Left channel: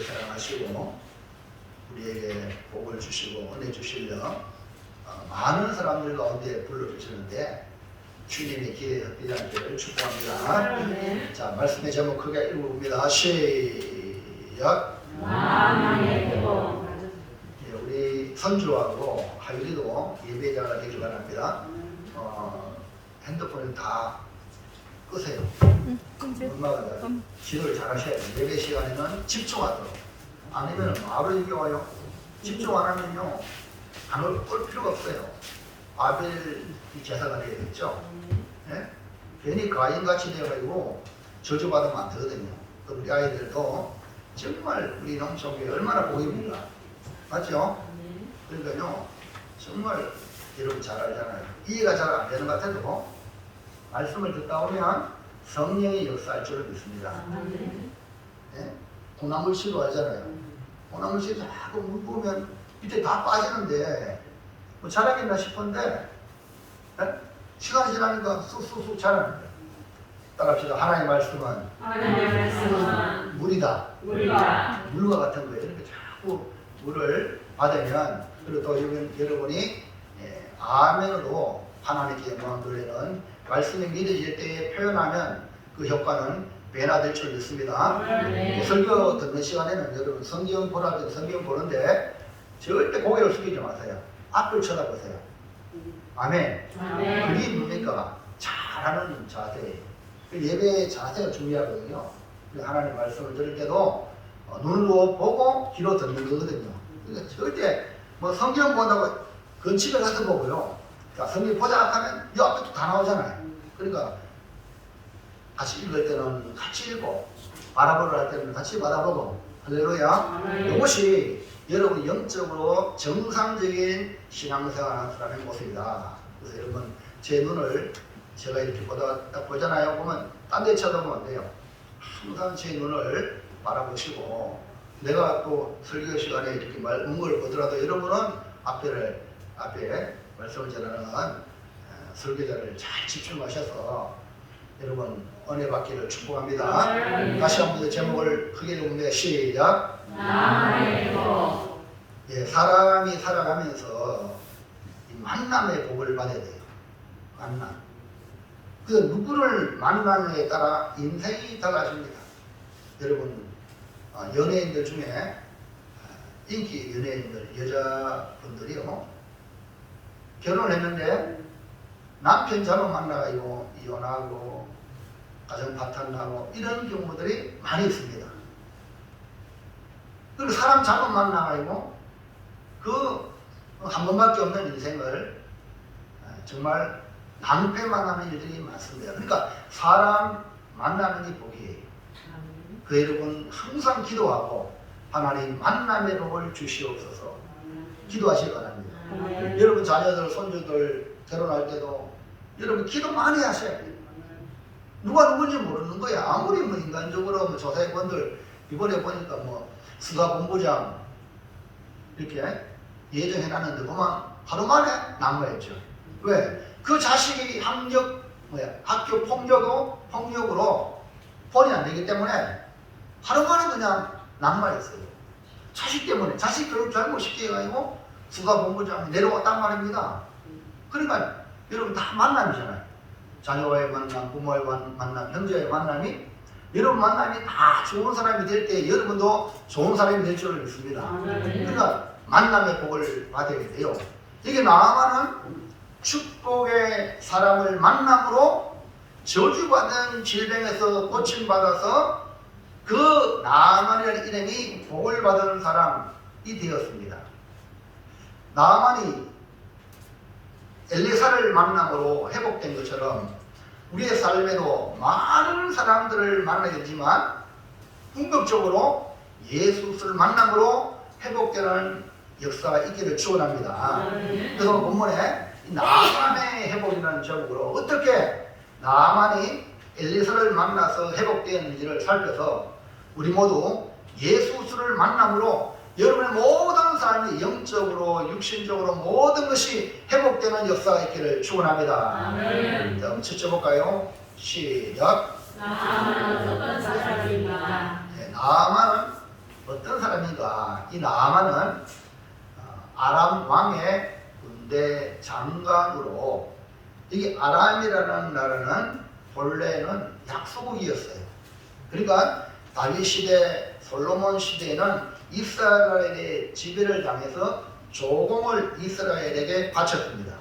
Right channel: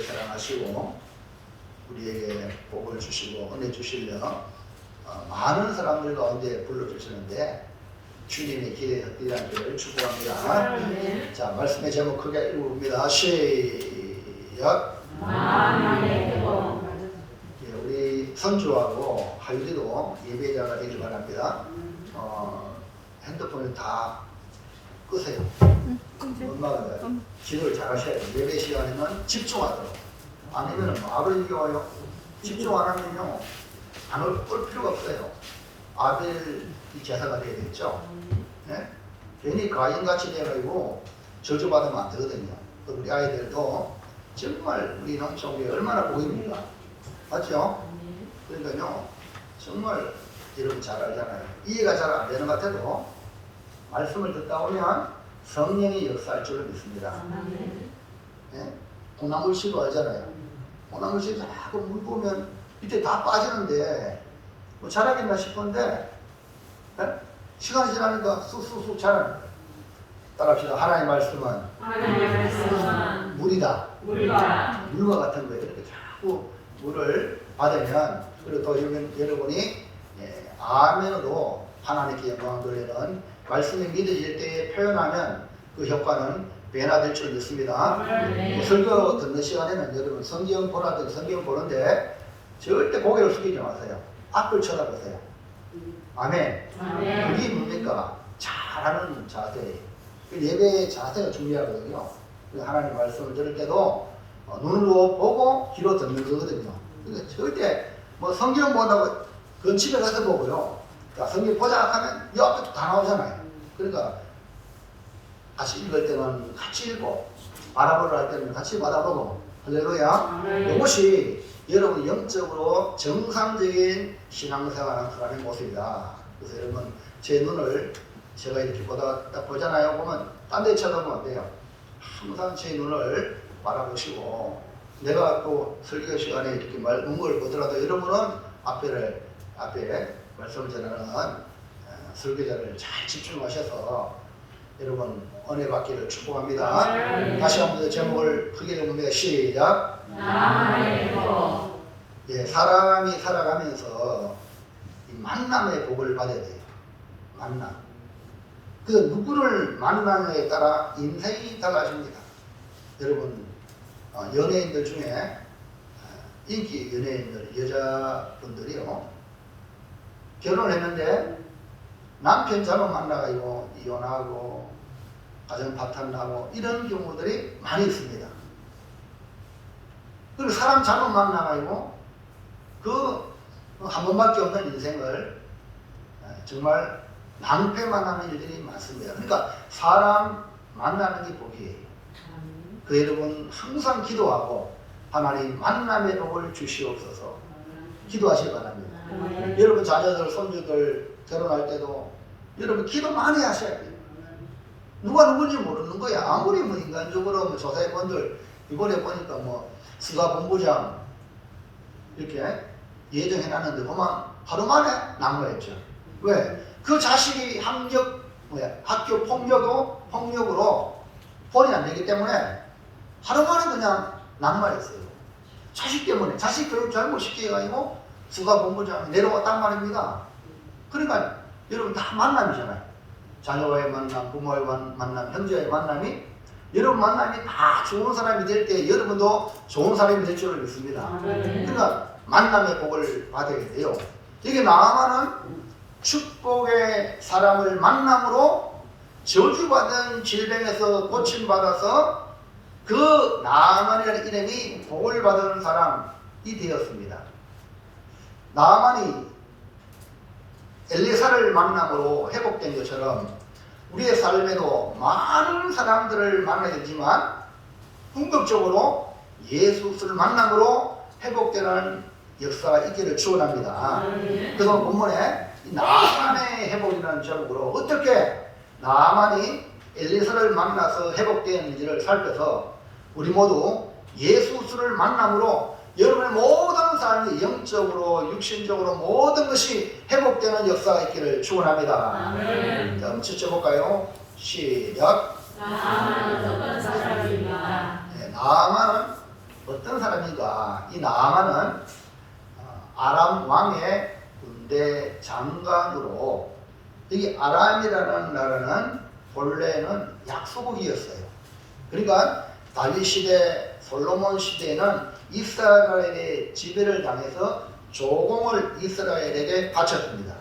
우리를 사랑하시고 우리에게 복을 주시고 은혜 주시려 많은 사람들 가운데 불러주시는데 주님의 기회에 헛되지 않기를 축복합니다. 자, 말씀의 제목 크게 읽어봅니다. 시작. 우리 선주하고 하율이도 예배자가 되길 바랍니다. 핸드폰을 다 끄세요. 엄마가 기도를 잘 하셔야 돼요. 예배 시간에는 집중하도록. 아니면 아벨이 와요. 집중 안 하면요 안 올 필요가 없어요. 아벨 제사가 되겠죠. 네? 괜히 가인같이 돼가지고 저주받으면 안 되거든요. 또 우리 아이들도 정말 우리 남쪽에 얼마나 복입니까? 맞죠? 그러니까요 정말 여러분 잘 알잖아요. 이해가 잘 안 되는 것 같아도 말씀을 듣다 보면 성령의 역사할 줄을 믿습니다. 네? 고나물씨도 알잖아요. 고나물씨 자꾸 물 보면 밑에 다 빠지는데 뭐 자라겠나 싶은데 네? 시간이 지나니까 쑥쑥쑥 자라는 거예요. 따라합시다. 하나님의 말씀은 물이다. 물과 같은 거예요. 이렇게 자꾸 물을 받으면 그리고 또 여러분이 아멘으로 하나님께 영광을 돌리는 말씀이 믿어질 때에 표현하면 그 효과는 배나 될 줄 믿습니다. 설교 듣는 시간에는 여러분 성경 보라든 성경 보는데 절대 고개를 숙이지 마세요. 앞을 쳐다보세요. 아멘. 그게 뭡니까? 잘하는 자세예요. 예배의 자세가 중요하거든요. 하나님 말씀을 들을 때도 눈으로 보고 귀로 듣는 거거든요. 그러니까 절대 뭐 성경 본다고 근집에 가서 보고요. 자, 성경 보자 하면 이 앞에 다 나오잖아요. 그러니까 같이 읽을 때는 같이 읽고 바라보러 할 때는 같이 바라보고 할렐루야. 이것이 여러분 영적으로 정상적인 신앙생활하는 사람의 모습이다. 그래서 여러분 제 눈을 제가 이렇게 딱 보잖아요. 보면 딴 데 쳐다보면 안 돼요. 항상 제 눈을 바라보시고 내가 또 설교 시간에 이렇게 문구를 보더라도 여러분은 앞에 말씀을 전하는 설교자를 잘 집중하셔서 여러분 은혜 받기를 축복합니다. 다시 한번 제목을 크게 읽으면 시작. 예, 사람이 살아가면서 이 만남의 복을 받아야 돼요. 만남. 그 누구를 만나느냐에 따라 인생이 달라집니다. 여러분 연예인들 중에 인기 연예인들 여자분들이요 결혼했는데 남편 잘못 만나가지고 이혼하고 가정 파탄나고 이런 경우들이 많이 있습니다. 그리고 사람 잘못 만나가지고 그 한 번밖에 없는 인생을 정말 낭패 만나는 일들이 많습니다. 그러니까 사람 만나는 게 복이에요. 그 여러분 항상 기도하고 하나님 만남의 복을 주시옵소서 기도하시기 바랍니다. 여러분 자녀들 손주들 결혼할 때도 여러분 기도 많이 하셔야 돼요. 누가 누군지 모르는 거야. 아무리 뭐 인간적으로 뭐 조사위원들 이번에 보니까 뭐 수사 본부장 이렇게 예정해놨는데 보면 하루 만에 낙마했죠. 왜? 그 자식이 학교 폭력으로 본이 안 되기 때문에 하루 만에 그냥 낙마했어요. 자식 때문에 자식 교육 잘못시켜가지고 수사 본부장이 내려왔단 말입니다. 그러니까 여러분 다 만남이잖아요. 자녀와의 만남, 부모와의 만남, 형제와의 만남이 여러분 만남이 다 좋은 사람이 될 때 여러분도 좋은 사람이 될 줄을 믿습니다. 그러니까 만남의 복을 받아야 돼요. 이게 나아가는 축복의 사람을 만남으로 저주받은 질병에서 고침받아서 그 나아만이라는 이름이 복을 받은 사람이 되었습니다. 나아만이 엘리사를 만남으로 회복된 것처럼 우리의 삶에도 많은 사람들을 만나게 되지만 궁극적으로 예수를 만남으로 회복되는 역사가 있기를 축원합니다. 그래서 본문에 나아만의 회복이라는 제목으로 어떻게 나아만이 엘리사를 만나서 회복되었는지를 살펴서 우리 모두 예수를 만남으로 여러분의 모든 삶이 영적으로 육신적으로 모든 것이 회복되는 역사가 있기를 축원합니다. 자, 한번 쳐볼까요? 시작. 나아만은 어떤 사람입니까? 나아만은 어떤 사람인가? 이 나아만은 아람 왕의 군대 장관으로, 이 아람이라는 나라는 본래는 약소국이었어요. 그러니까 다윗 시대, 솔로몬 시대에는 이스라엘의 지배를 당해서 조공을 이스라엘에게 바쳤습니다.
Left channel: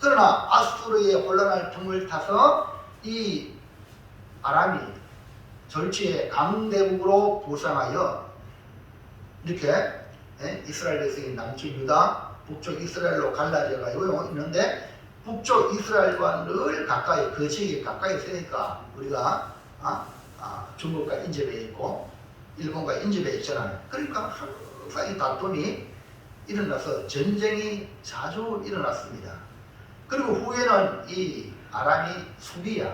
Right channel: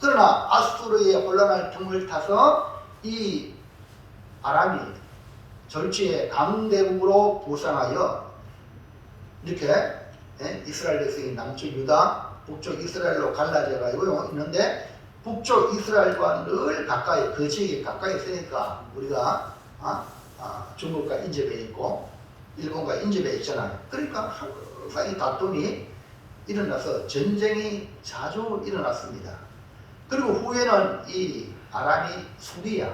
그러나 아수르의 혼란할 틈을 타서 이 아람이 졸지에 강대국으로 부상하여 이렇게 이스라엘 백성이 남쪽 유다, 북쪽 이스라엘로 갈라져 가지고 있는데, 북쪽 이스라엘과 늘 가까이, 그 지역에 가까이 있으니까 우리가 중국과 인접해 있고 일본과 인접해 있잖아요. 그러니까 항상 이 다툼이 일어나서 전쟁이 자주 일어났습니다. 그리고 후에는 이 아람이 수비야.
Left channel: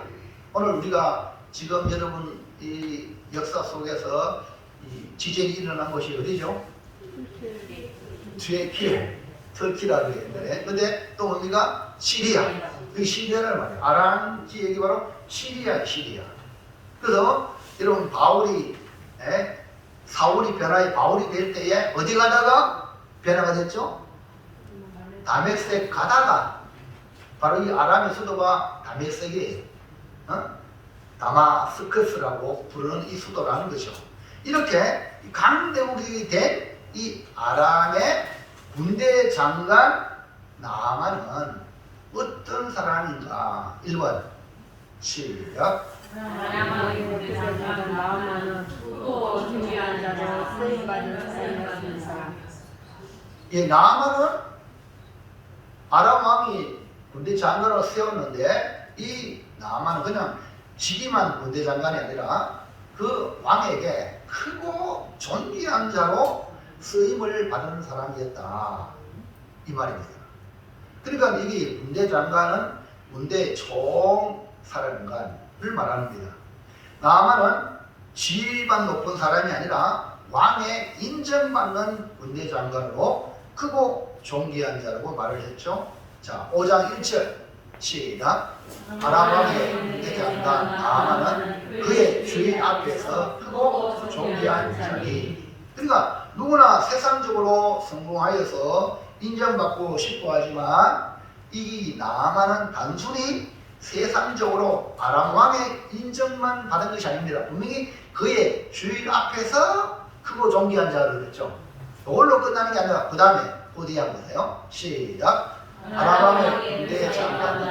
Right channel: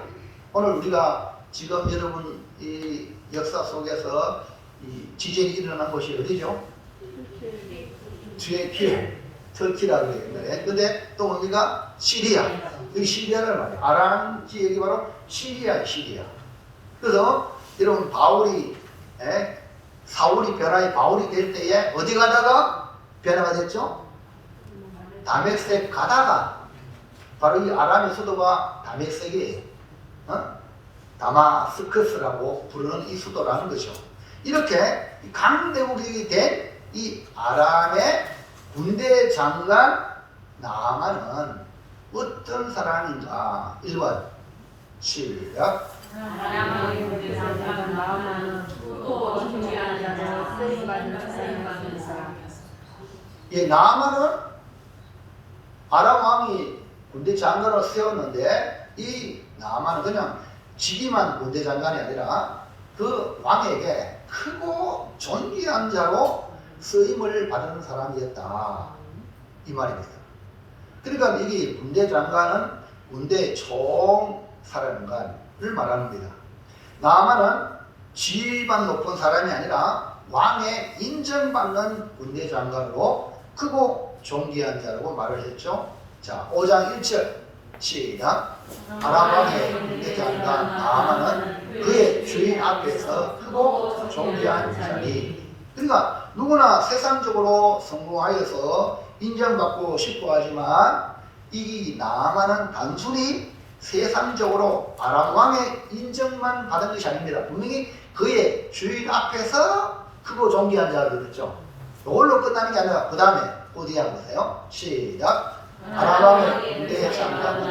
오늘 우리가 지금 여러분 이 역사 속에서 이 지진이 일어난 곳이 어디죠? 터키라고 했는데, 근데 또 뭡니까? 시리아. 이 시리아를 말해요. 아람 지역이 바로 시리아. 그래서 여러분 사울이 변화의 바울이 될 때에 어디 가다가 변화가 됐죠? 다메섹 가다가, 바로 이 아람의 수도가 다메섹이에요. 다마스커스라고 부르는 이 수도라는 거죠. 이렇게 강대국이 된 이 아람의 군대 장관 나아만은 어떤 사람인가? 1번 시작. 이 나아만은 아람 왕이 군대 장관으로 세웠는데, 이 나아만은 그냥 직위만 군대 장관이 아니라 그 왕에게 크고 존귀한 자로 쓰임을 받은 사람이었다, 이 말입니다. 그러니까 이 군대 장관은 군대 총사령관을 말합니다. 나아만은 지위만 높은 사람이 아니라 왕의 인정받는 군대 장관으로 크고 존귀한 자라고 말을 했죠. 자, 5장 1절 시작. 아람 왕의 군대 장관 나아만은 그의 주인 앞에서 크고 존귀한 자니. 그러니까 누구나 세상적으로 성공하여서 인정받고 싶어 하지만 이 나아만은 단순히 세상적으로 아람 왕의 인정만 받은 것이 아닙니다. 분명히 그의 주인 앞에서 크고 존귀한 자를 그랬죠. 이걸로 끝나는 게 아니라 그 다음에 어디 한 거예요? 시작. 아람 왕의 군대 장관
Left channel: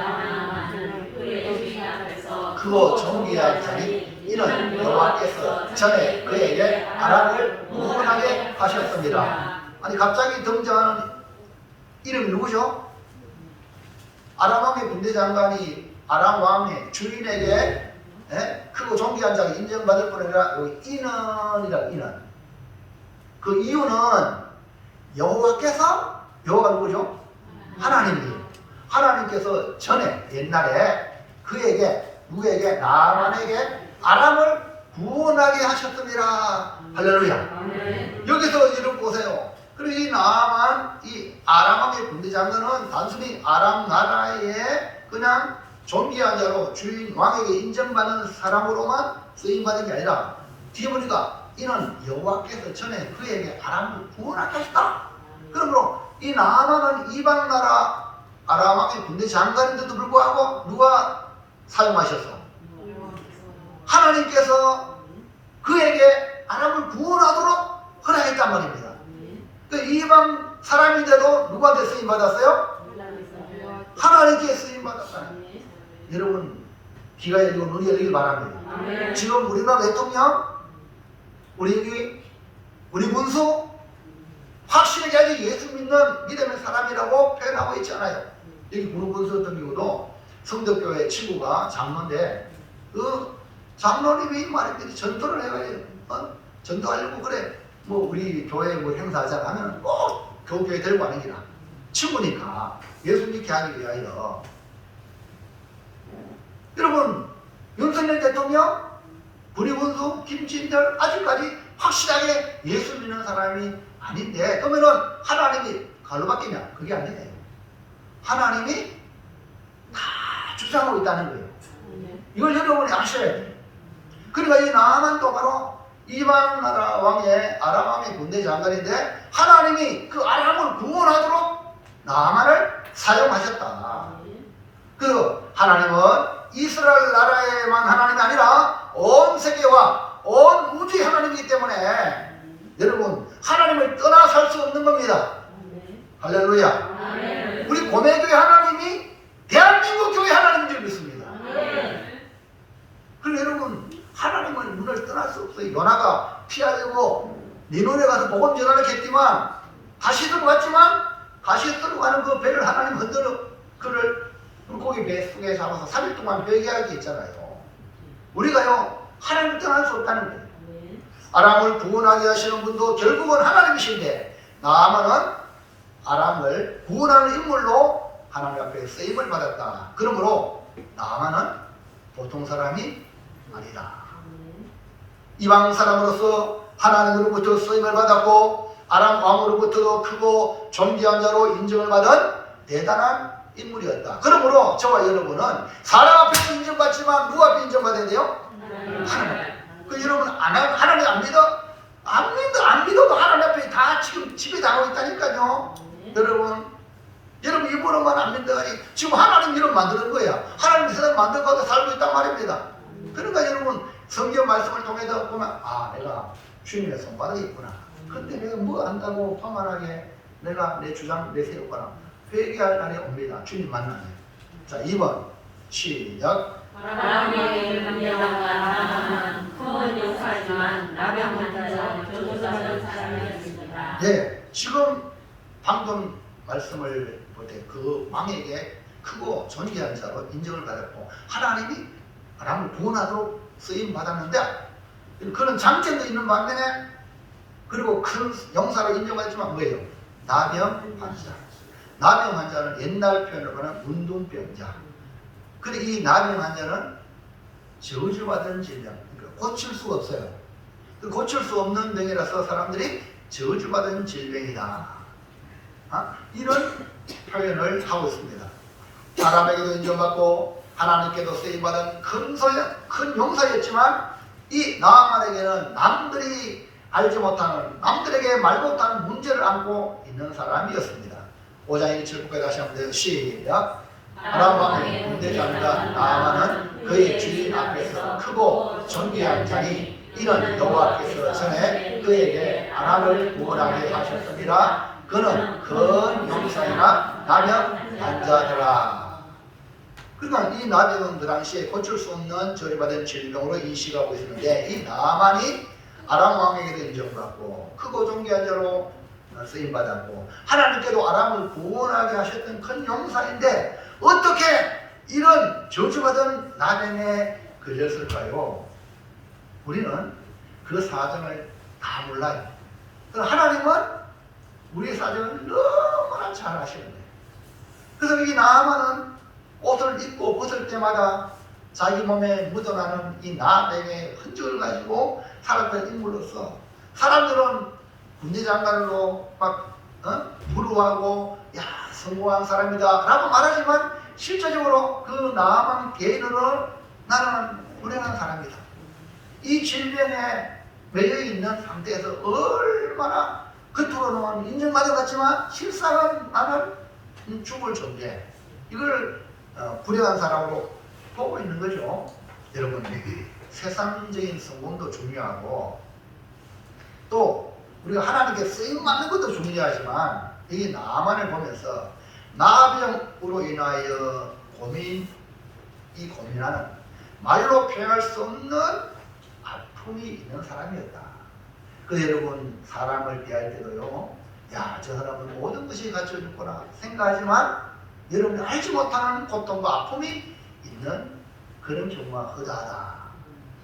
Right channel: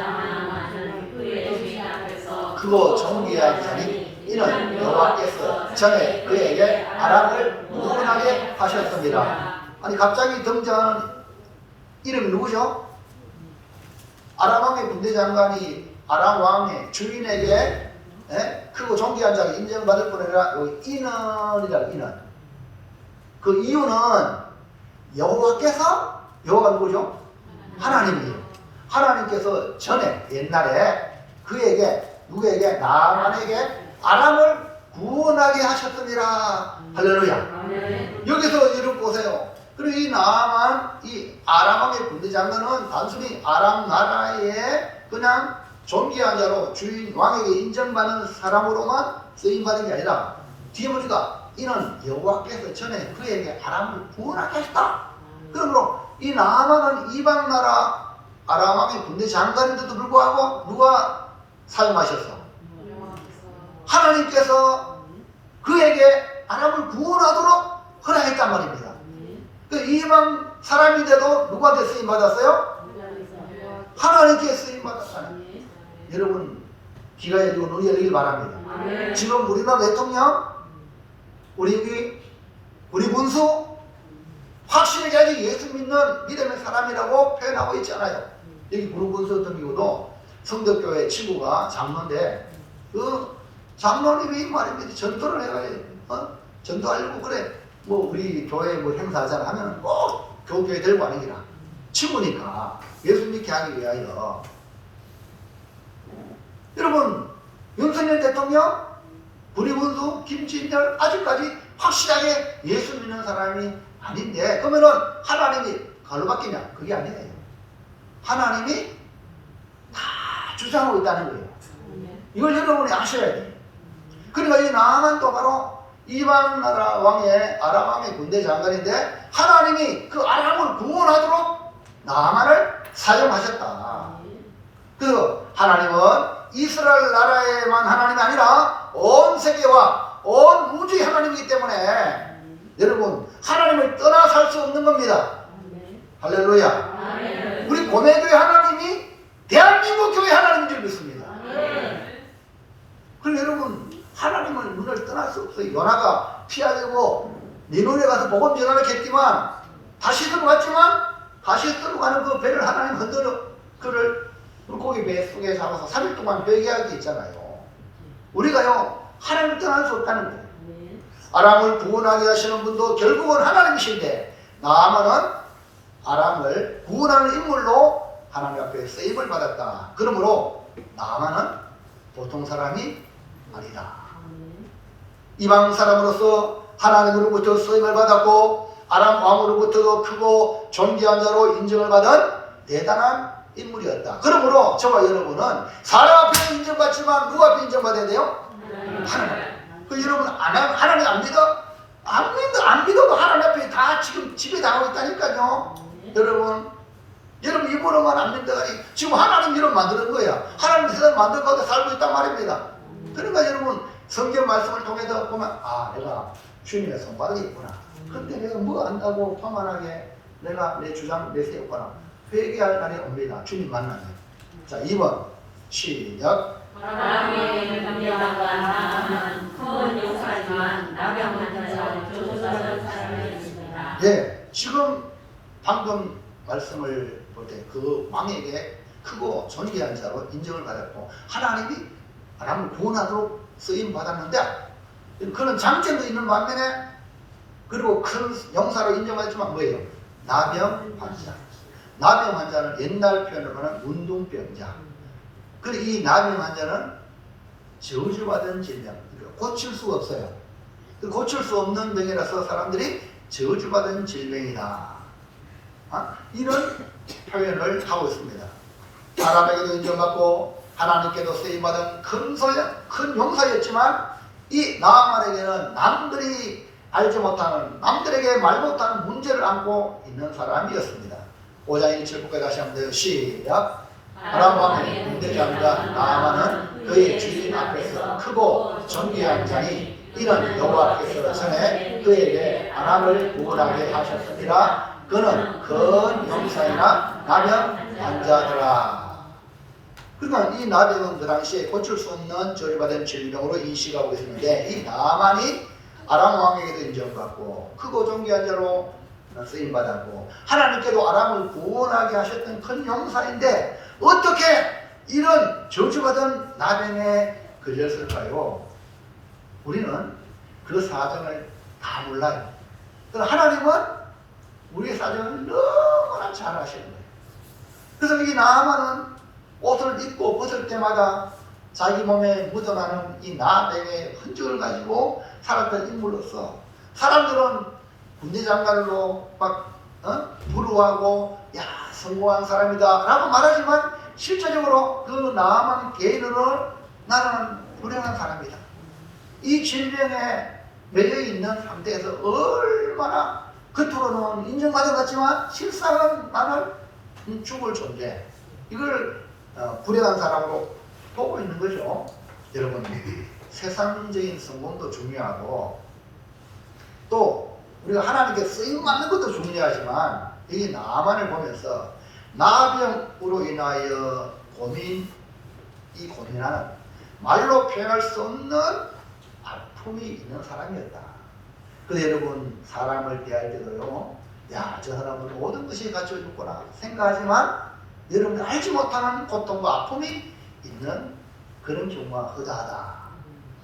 크고 존귀한 자니 이는 여호와께서 전에 그에게 아람을 구원하게 하셨습니다. 아니 갑자기 등장하는 이름이 누구죠? 아람 왕의 군대 장관이 아람 왕의 주인에게 크고 존귀한 자가 인정받을 뿐 아니라 여기 인원이라고, 인원. 그 이유는 여호와가 누구죠? 하나님이에요. 하나님께서 전에 옛날에 그에게 누구에게? 나아만에게 아람을 구원하게 하셨습니다. 할렐루야. 여기서 여러분 보세요. 그리고 이 나아만, 이 아람 왕의 군대 장관은 단순히 아람 나라의 그냥 존귀한 자로 주인 왕에게 인정받는 사람으로만 쓰임받은 게 아니라 뒤에 보니까 이는 여호와께서 전에 그에게 아람을 구원하게 하셨다. 그러므로 이 나아만은 이방 나라 아람 왕의 군대 장관인데도 불구하고 누가 사용하셨어? 하나님께서 그에게 아람을 구원하도록 허락했단 말입니다. 그 이방 사람인데도 누구한테 쓰임받았어요? 하나님께 쓰임받았다는. 여러분 귀가 열리고 눈이 열리길 바랍니다. 지금 우리나라 대통령, 우리 군수 확실하게 아직 예수 믿는 믿음의 사람이라고 표현하고 있잖아요. 여기 군수 같은 경우도 성덕교회 친구가 장로인데 그 장로님이 말입니다. 전도를 해가지고 전도하려고 그래. 뭐 우리 교회 뭐 행사하잖아 하면 꼭 교회 데리고 가는 기라. 친구니까 예수 믿게 하기 위하여. 여러분 윤석열 대통령, 구리군수, 김진철 아직까지 확실하게 예수 믿는 사람이 아닌데 그러면은 하나님이 갈로 바뀌냐? 그게 아니에요. 하나님이 다 주장하고 있다는 거예요. 이걸 여러분이 아셔야 돼요. 그러니까 이 나아만도 바로 이방 나라 왕의 아람 왕의 군대 장관인데 하나님이 그 아람을 구원하도록 나만을 사용하셨다. 그 하나님은 이스라엘 나라에만 하나님이 아니라 온 세계와 온 우주의 하나님이기 때문에 여러분 하나님을 떠나 살 수 없는 겁니다. 할렐루야. 우리 고매교회 하나님이 대한민국 교회 하나님인 줄 믿습니다. 그럼 여러분 하나님은 눈을 떠날 수 없어요. 요나가 피하려고 니누에 가서 복음 전하러 했지만 다시 들어갔지만 다시 들어가는 그 배를 하나님 흔들어 그를 물고기 배 속에 잡아서 3일 동안 배기하게 했잖아요. 우리가요 하나님을 떠날 수 없다는 거예요. 아람을 구원하게 하시는 분도 결국은 하나님이신데 나아만은 아람을 구원하는 인물로 하나님 앞에 쓰임을 받았다. 그러므로 나아만은 보통 사람이 아니다. 이방 사람으로서 하나님으로부터 쓰임을 받았고 아람 왕으로부터도 크고 존귀한 자로 인정을 받은 대단한 인물이었다. 그러므로 저와 여러분은 사람 앞에 인정받지만 누구 앞에 인정받아야 돼요? 하나님. 그 여러분 하나님 안 믿어? 안 믿어도 하나님 앞에 다 지금 집에 나오고 있다니까요. 여러분 입으로만 안 믿다니 지금 하나님 이름 만드는 거야. 하나님 세상 만든 가운데 살고 있단 말입니다. 그러니까 여러분 성경 말씀을 통해서 보면 내가 주님의 손바닥이 있구나. 근데 내가 뭐 안다고 평안하게 내가 내 주장 내세웠거나 회개할 날이 옵니다. 주님 만나면. 자 2번 시작. 아람의 남녀가 큰 용사지만 나병한 자와 교조받은 사람이었습니다. 예, 지금 방금 말씀을 볼 때 그 왕에게 크고 존귀한 자로 인정을 받았고 하나님이 아람을 구원하도록 쓰임 받았는데 그런 장점도 있는 반면에 그리고 큰 용사로 인정받았지만 뭐예요? 나병 환자. 나병 환자는 옛날 표현으로는 운동병자. 그리고 이 나병 환자는 저주받은 질병. 그러니까 고칠 수가 없어요. 고칠 수 없는 병이라서 사람들이 저주받은 질병이다. 이런 표현을 하고 있습니다. 사람에게도 인정받고 하나님께도 쓰임받은 큰 용사였지만 이 나아만에게는 남들이 알지 못하는 남들에게 말 못하는 문제를 안고 있는 사람이었습니다. 5장 1절부터 다시 한번 돼요. 시작. 아람 왕의 군대장과 나아만은 그의 주인 앞에서 크고 존귀한 자니 이는 여호와께서 전에 그에게 아람을 구원하게 하셨습니다. 그는 큰 용사이나 나병 환자더라. 그러니까 이 나병은 그 당시에 고칠 수 없는 저주받은 질병으로 인식하고 있었는데 이 나아만이 아람 왕에게도 인정받고 크고 존귀한 자로 쓰임받았고 하나님께도 아람을 구원하게 하셨던 큰 용사인데 어떻게 이런 저주받은 나병에 걸렸을까요? 우리는 그 사정을 다 몰라요. 하나님은 우리의 사정을 너무나 잘 아시는 거예요. 그래서 이 나아만은 옷을 입고 벗을 때마다 자기 몸에 묻어나는 이 나병의 흔적을 가지고 살았던 인물로서 사람들은 군대장관으로 막 부러워하고 야 성공한 사람이다 라고 말하지만 실제적으로 그 나아만 개인으로 나는 불행한 사람이다. 이 질병에 매여 있는 상태에서 얼마나 겉으로는 인정받은 것 같지만 실상은 나는 죽을 존재. 이걸 불행한 사람으로 보고 있는 거죠. 여러분 세상적인 성공도 중요하고 또 우리가 하나님께 쓰임받는 것도 중요하지만 이 나아만을 보면서 나병으로 인하여 고민하는 말로 표현할 수 없는 아픔이 있는 사람이었다. 그래서 여러분 사람을 대할 때도요 야 저 사람은 모든 것이 갖춰졌구나 생각하지만 여러분이 알지 못하는 고통과 아픔이 있는 그런 경우가 허다하다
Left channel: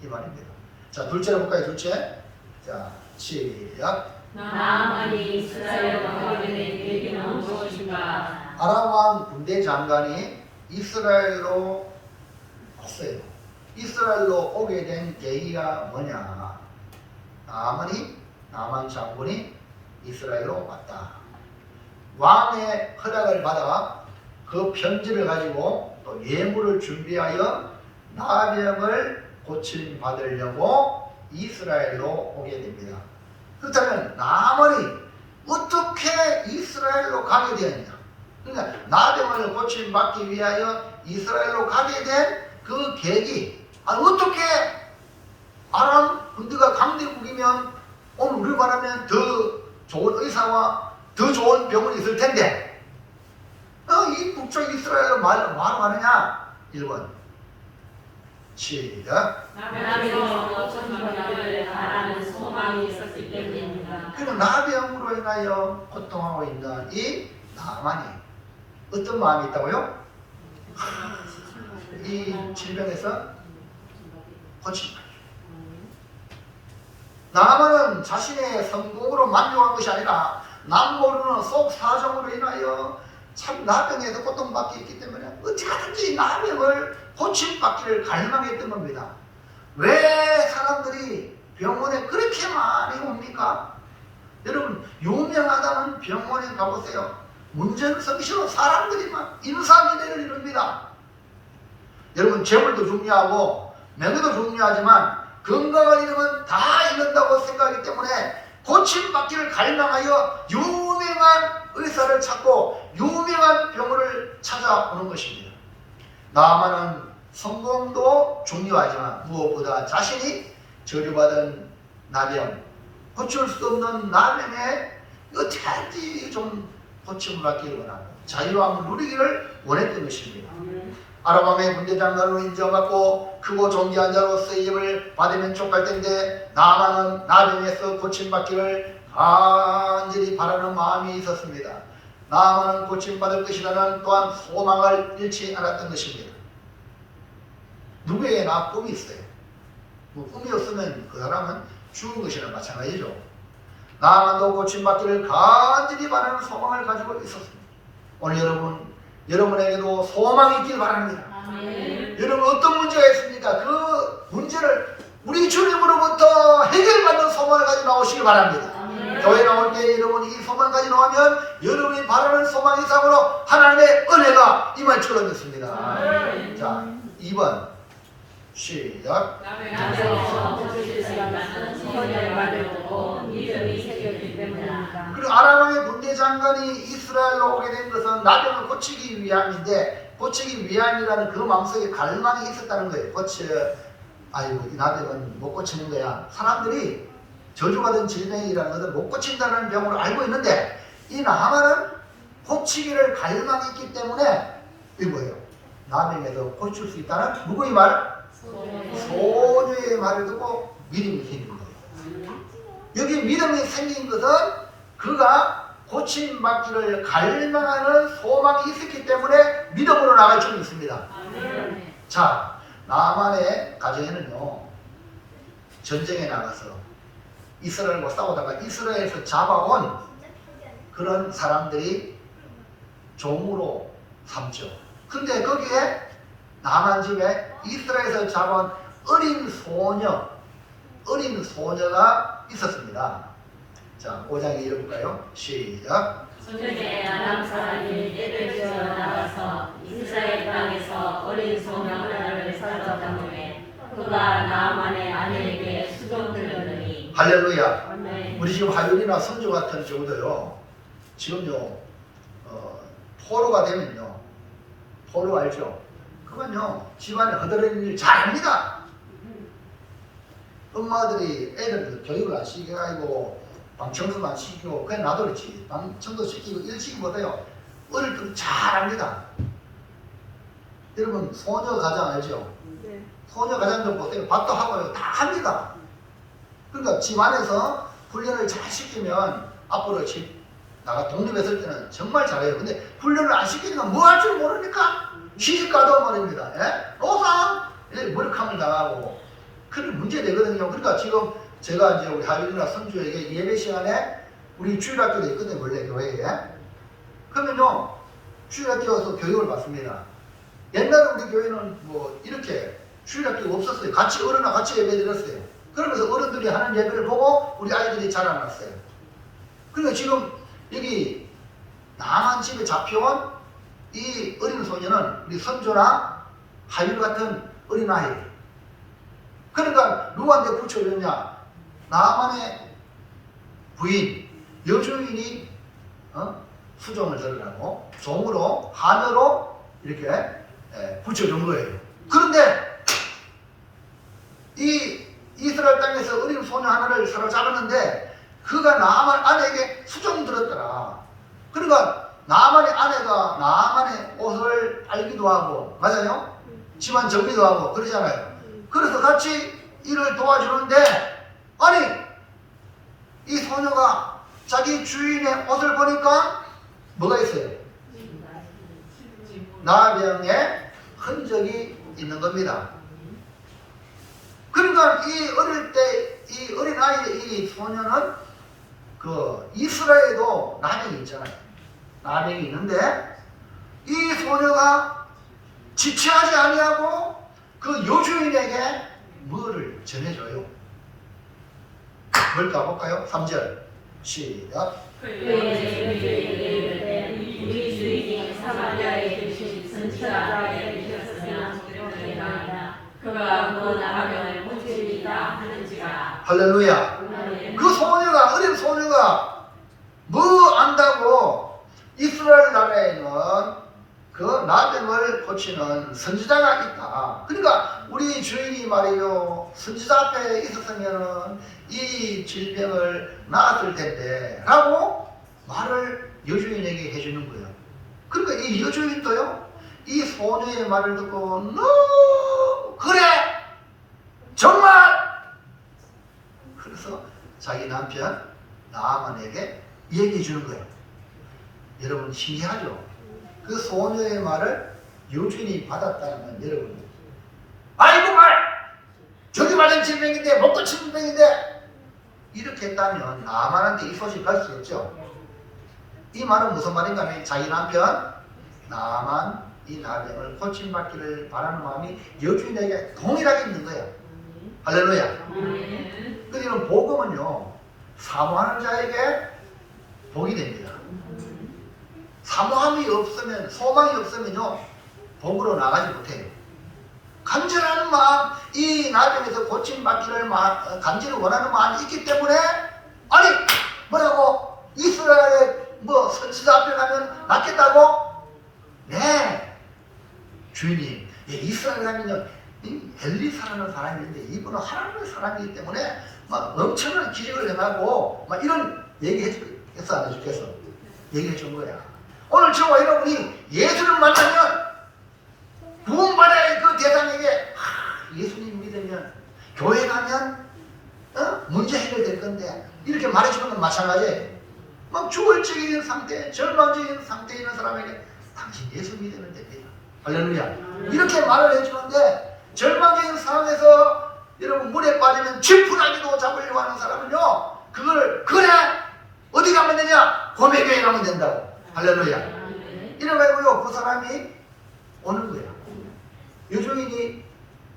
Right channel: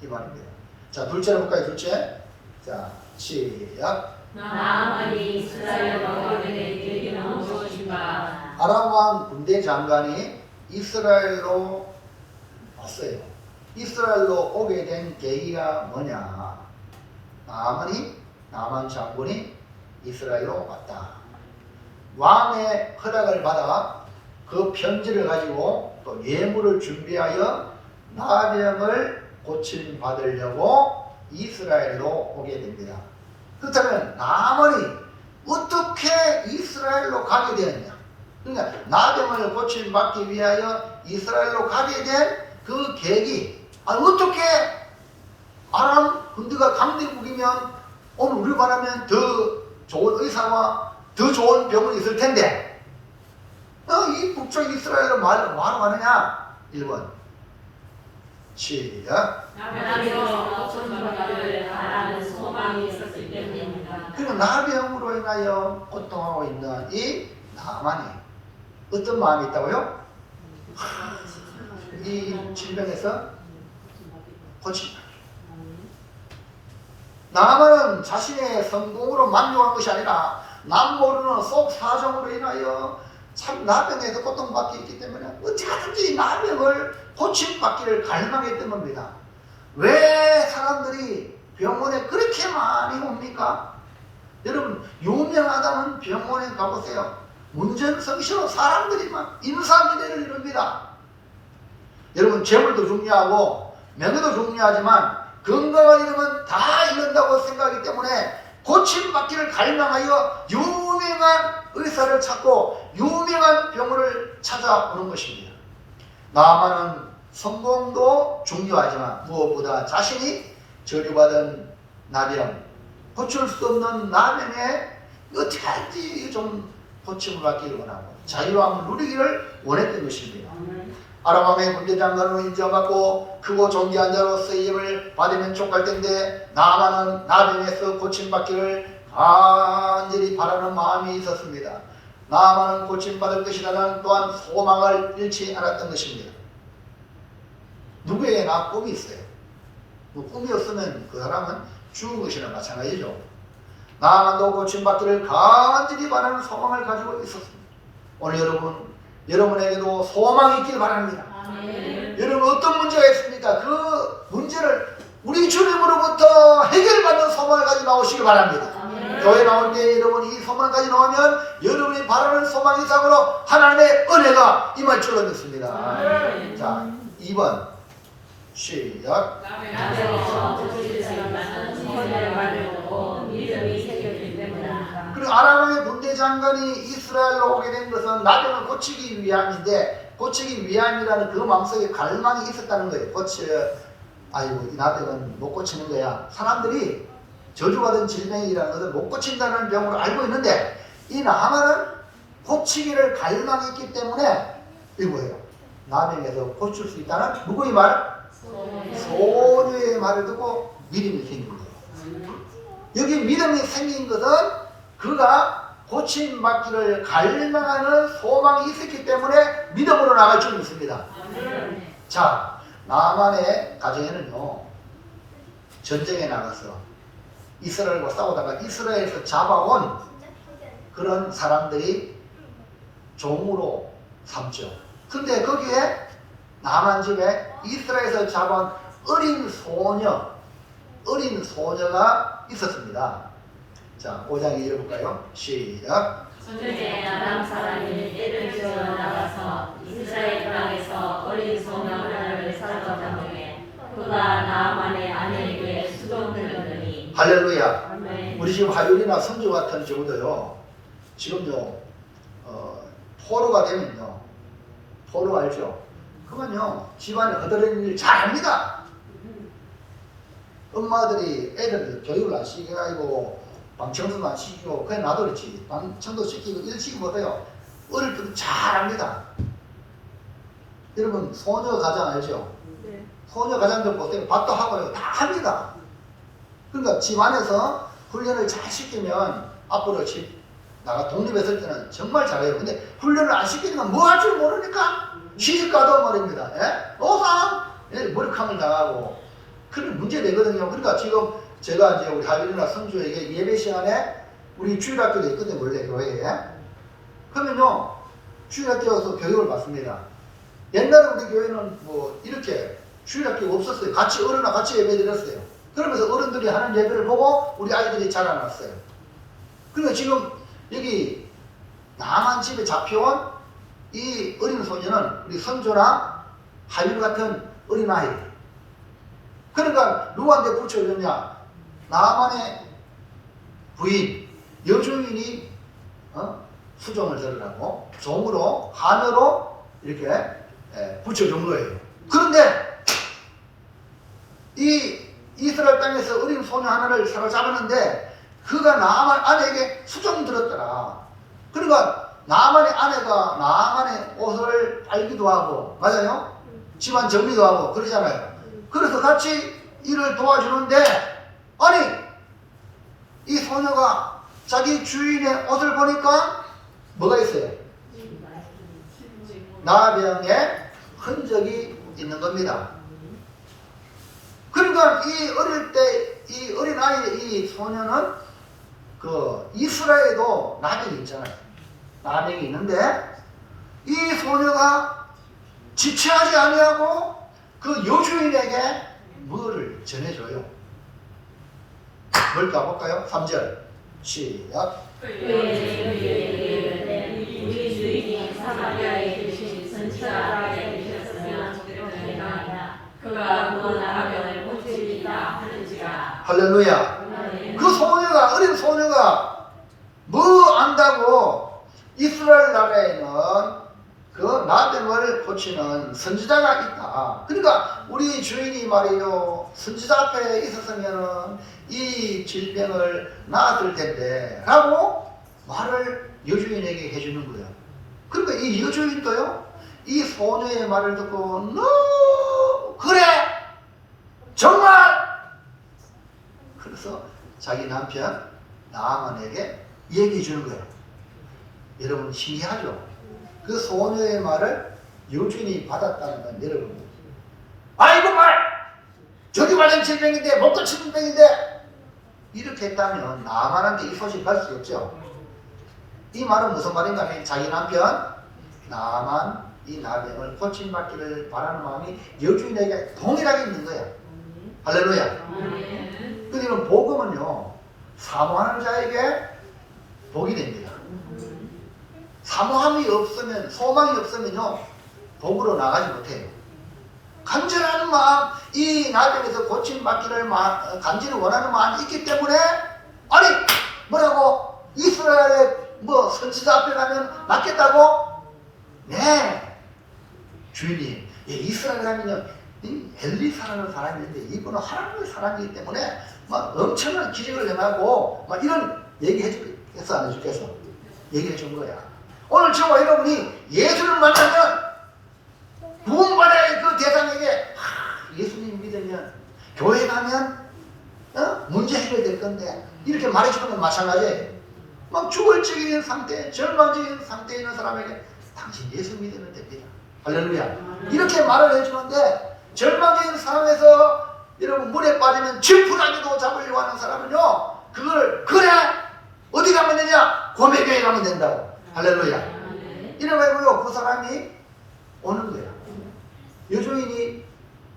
이 말입니다. 자 둘째로 볼까요? 둘째. 자 시작. 나아만이 이스라엘 왕에게 이르는 무엇인가? 아람 왕 군대 장관이 이스라엘로 왔어요. 이스라엘로 오게 된 계기가 뭐냐? 나아만 장군이 이스라엘로 왔다. 왕의 허락을 받아 그 편지를 가지고 또 예물을 준비하여 나병을 고침 받으려고 이스라엘로 오게 됩니다. 그렇다면 나만이 어떻게 이스라엘로 가게 되었냐? 그러니까 나병을 고침받기 위하여 이스라엘로 가게 된 그 계기, 어떻게 아람 군대가 강대국이면 오늘 우리 말하면 더 좋은 의사와 더 좋은 병원이 있을 텐데 이 북쪽 이스라엘로 말로 가느냐? 1번 시작. 하나님께서 고침받기를 바라는 소망이 있었기 때문입니다. 그리고 나병으로 인하여 고통하고 있는 이 나만이 어떤 마음이 있다고요? 이 질병에서 고침받기. 나만은 자신의 성공으로 만족한 것이 아니라 남 모르는 속 사정으로 인하여 참 나병에서 고통받고 있기 때문에 어찌하든지 나병을 고침받기를 갈망했던 겁니다. 왜 사람들이 병원에 그렇게 많이 옵니까? 여러분 유명하다는 병원에 가보세요. 문전성시로 사람들이 막 인사미래를 이룹니다. 여러분 재물도 중요하고 명예도 중요하지만 건강을 잃으면 다 잃는다고 생각하기 때문에 고침받기를 갈망하여 유명한 의사를 찾고 유명한 병원을 찾아오는 것입니다. 나만은 성공도 중요하지만 무엇보다 자신이 저주받은 나병, 고칠 수 없는 나병에 어떻게 하든지 좀 고침을 받기를 원하고 자유함을 누리기를 원했던 것입니다. 아람왕의 군대장관으로 인정받고 크고 존귀한 자로 쓰임을 받으면 족할 텐데 나만은 나병에서 고침받기를 간절히 바라는 마음이 있었습니다. 나만은 고침받을 것이라는 또한 소망을 잃지 않았던 것입니다. 누구에게나 꿈이 있어요. 꿈이 없으면 그 사람은 죽은 것이나 마찬가지죠. 나만도 고침받기를 간절히 바라는 소망을 가지고 있었습니다. 오늘 여러분에게도 소망이 있길 바랍니다. 여러분 어떤 문제가 있습니까? 그 문제를 우리 주님으로부터 해결받는 소망을 가지고 나오시기 바랍니다. 교회 나올 때 여러분이 이 소망까지 나오면 여러분이 바라는 소망 이상으로 하나님의 은혜가 임할 줄로 믿습니다. 자, 2번 시작. 그리고 아람왕의 군대장관이 이스라엘로 오게 된 것은 나병을 고치기 위함인데 고치기 위함이라는 그 마음속에 갈망이 있었다는 거예요. 아이고 이 나병은 못 고치는 거야. 사람들이 저주받은 질병이라는 것을 못 고친다는 병으로 알고 있는데 이 나만은 고치기를 갈망이 있기 때문에 이거예요. 나병에서 고칠 수 있다는 누구의 말? 소녀의 말을 듣고 믿음이 생긴 거예요. 여기 믿음이 생긴 것은 그가 고침받기를 갈망하는 소망이 있었기 때문에 믿음으로 나갈 줄 믿습니다. 자, 나만의 가정에는요 전쟁에 나가서 이스라엘과 싸우다가 이스라엘에서 잡아온 그런 사람들이 종으로 삼죠. 근데 거기에 나만 집에 이스라엘에서 잡아온 어린 소녀가 있었습니다. 자, 5장 읽어볼까요? 시작. 손주에 아람 사람이 떼를 지어 나가서 이스라엘 땅에서 어린 소녀 하나를 사로잡은 후에 그가 나만의 아내에게 수종들더니 할렐루야. 우리 지금 하율이나 성주 같은 경우도요 지금요 포로가 되면요 포로 알죠? 그러면요 집안에 허드렛 일 잘합니다. 엄마들이 애들 교육을 안 시켜가지고 방청소도 안 시키고 그냥 놔둬놓지. 방청도 시키고 일 시키고 못해요. 어릴 때도 잘합니다. 여러분 소녀 가장 알죠? 네. 소녀 가장 좀 보세요. 밥도 하고 다 합니다. 그러니까 집 안에서 훈련을 잘 시키면 앞으로 집 나가 독립했을 때는 정말 잘해요. 근데 훈련을 안 시키면 뭐 할 줄 모르니까 시집가도 말입니다. 노상 머리카락을 나가고 그게 문제되거든요. 그러니까 지금 제가 이제 우리 하율이나 선주에게 예배 시간에 우리 주일학교도 있거든요. 원래 교회에. 그러면요 주일학교에서 교육을 받습니다. 옛날에 우리 교회는 뭐 이렇게 주일학교가 없었어요. 같이 어른과 같이 예배 드렸어요. 그러면서 어른들이 하는 예배를 보고 우리 아이들이 자라났어요. 그러니까 지금 여기 남한 집에 잡혀온 이 어린 소녀는 우리 선조나 하율 같은 어린아이 그러니까 누구한테 붙여줬냐? 나만의 부인, 여주인이 수종을 들으라고 종으로 하늘로 이렇게 붙여준 거예요. 그런데 이 이스라엘 땅에서 어린 소녀 하나를 사로잡았는데 그가 나만 아내에게 수종 들었더라. 그러니까 나만의 아내가 나만의 옷을 빨기도 하고, 맞아요? 집안 정리도 하고 그러잖아요. 그래서 같이 일을 도와주는데, 아니 이 소녀가 자기 주인의 옷을 보니까 뭐가 있어요? 나병의 흔적이 있는 겁니다. 그러니까 이 어릴 때 이 어린아이 이 소녀는 그 이스라엘에도 나병이 있잖아요. 나병이 있는데 이 소녀가 지체하지 아니하고 그 여주인에게 뭐를 전해줘요? 그걸 가볼까요? 3절 시작. 우리 주인이 사마리아에 계신 선지자에게 계셨으면 그가 너 나를 고치리라 하는지라. 할렐루야. 그 소녀가, 어린 소녀가 뭐 안다고 이스라엘 나라에는 그 나병을 고치는 선지자가 있다. 그러니까 우리 주인이 말이요, 선지자 앞에 있었으면 이 질병을 나았을 텐데 라고 말을 여주인에게 해주는 거예요. 그러니까 이 여주인도요, 이 소녀의 말을 듣고 너무 그래 정말, 그래서 자기 남편 나아만에게 얘기해 주는 거예요. 여러분 신기하죠? 그 소녀의 말을 여주인이 받았다는 건 여러분, 아이고 말 저기 말은 질병인데 못 고치는 병인데 이렇게 했다면 나만한테 이 소식 갈 수 없죠. 이 말은 무슨 말인가 하면 자기 남편 나만 이 나병을 고침받기를 바라는 마음이 여주인에게 동일하게 있는 거야. 할렐루야. 그러니까 복음은요, 사모하는 자에게 복이 됩니다. 사모함이 없으면, 소망이 없으면요, 복으로 나가지 못해요. 간절한 마음, 이 나병에서 고침받기를 간절히 원하는 마음이 있기 때문에, 아니 뭐라고 이스라엘의 뭐 선지자 앞에 가면 낫겠다고? 네, 주님, 이스라엘 하면요, 엘리사라는 사람이 있는데 이분은 하나님의 사람이기 때문에 막 엄청난 기적을 행하고 막 이런 얘기했어, 안 해주겠어? 얘기해 준 거야. 오늘 저와 여러분이 예수를 만나면 구원받아야 그 대상에게 예수님 믿으면 교회 가면 문제 해결될 건데 이렇게 말해주는 건 마찬가지예요. 막 주걸적인 상태, 절망적인 상태에 있는 사람에게 당신 예수 믿으면 됩니다. 할렐루야. 이렇게 말을 해주는데 절망적인 상황에서 여러분 물에 빠지면 질풍나기도 잡으려고 하는 사람은요, 그걸 그래 어디 가면 되냐? 고백교회 가면 된다고. 할렐루야. 이래가지고요 그 사람이 오는 거야. 여주인이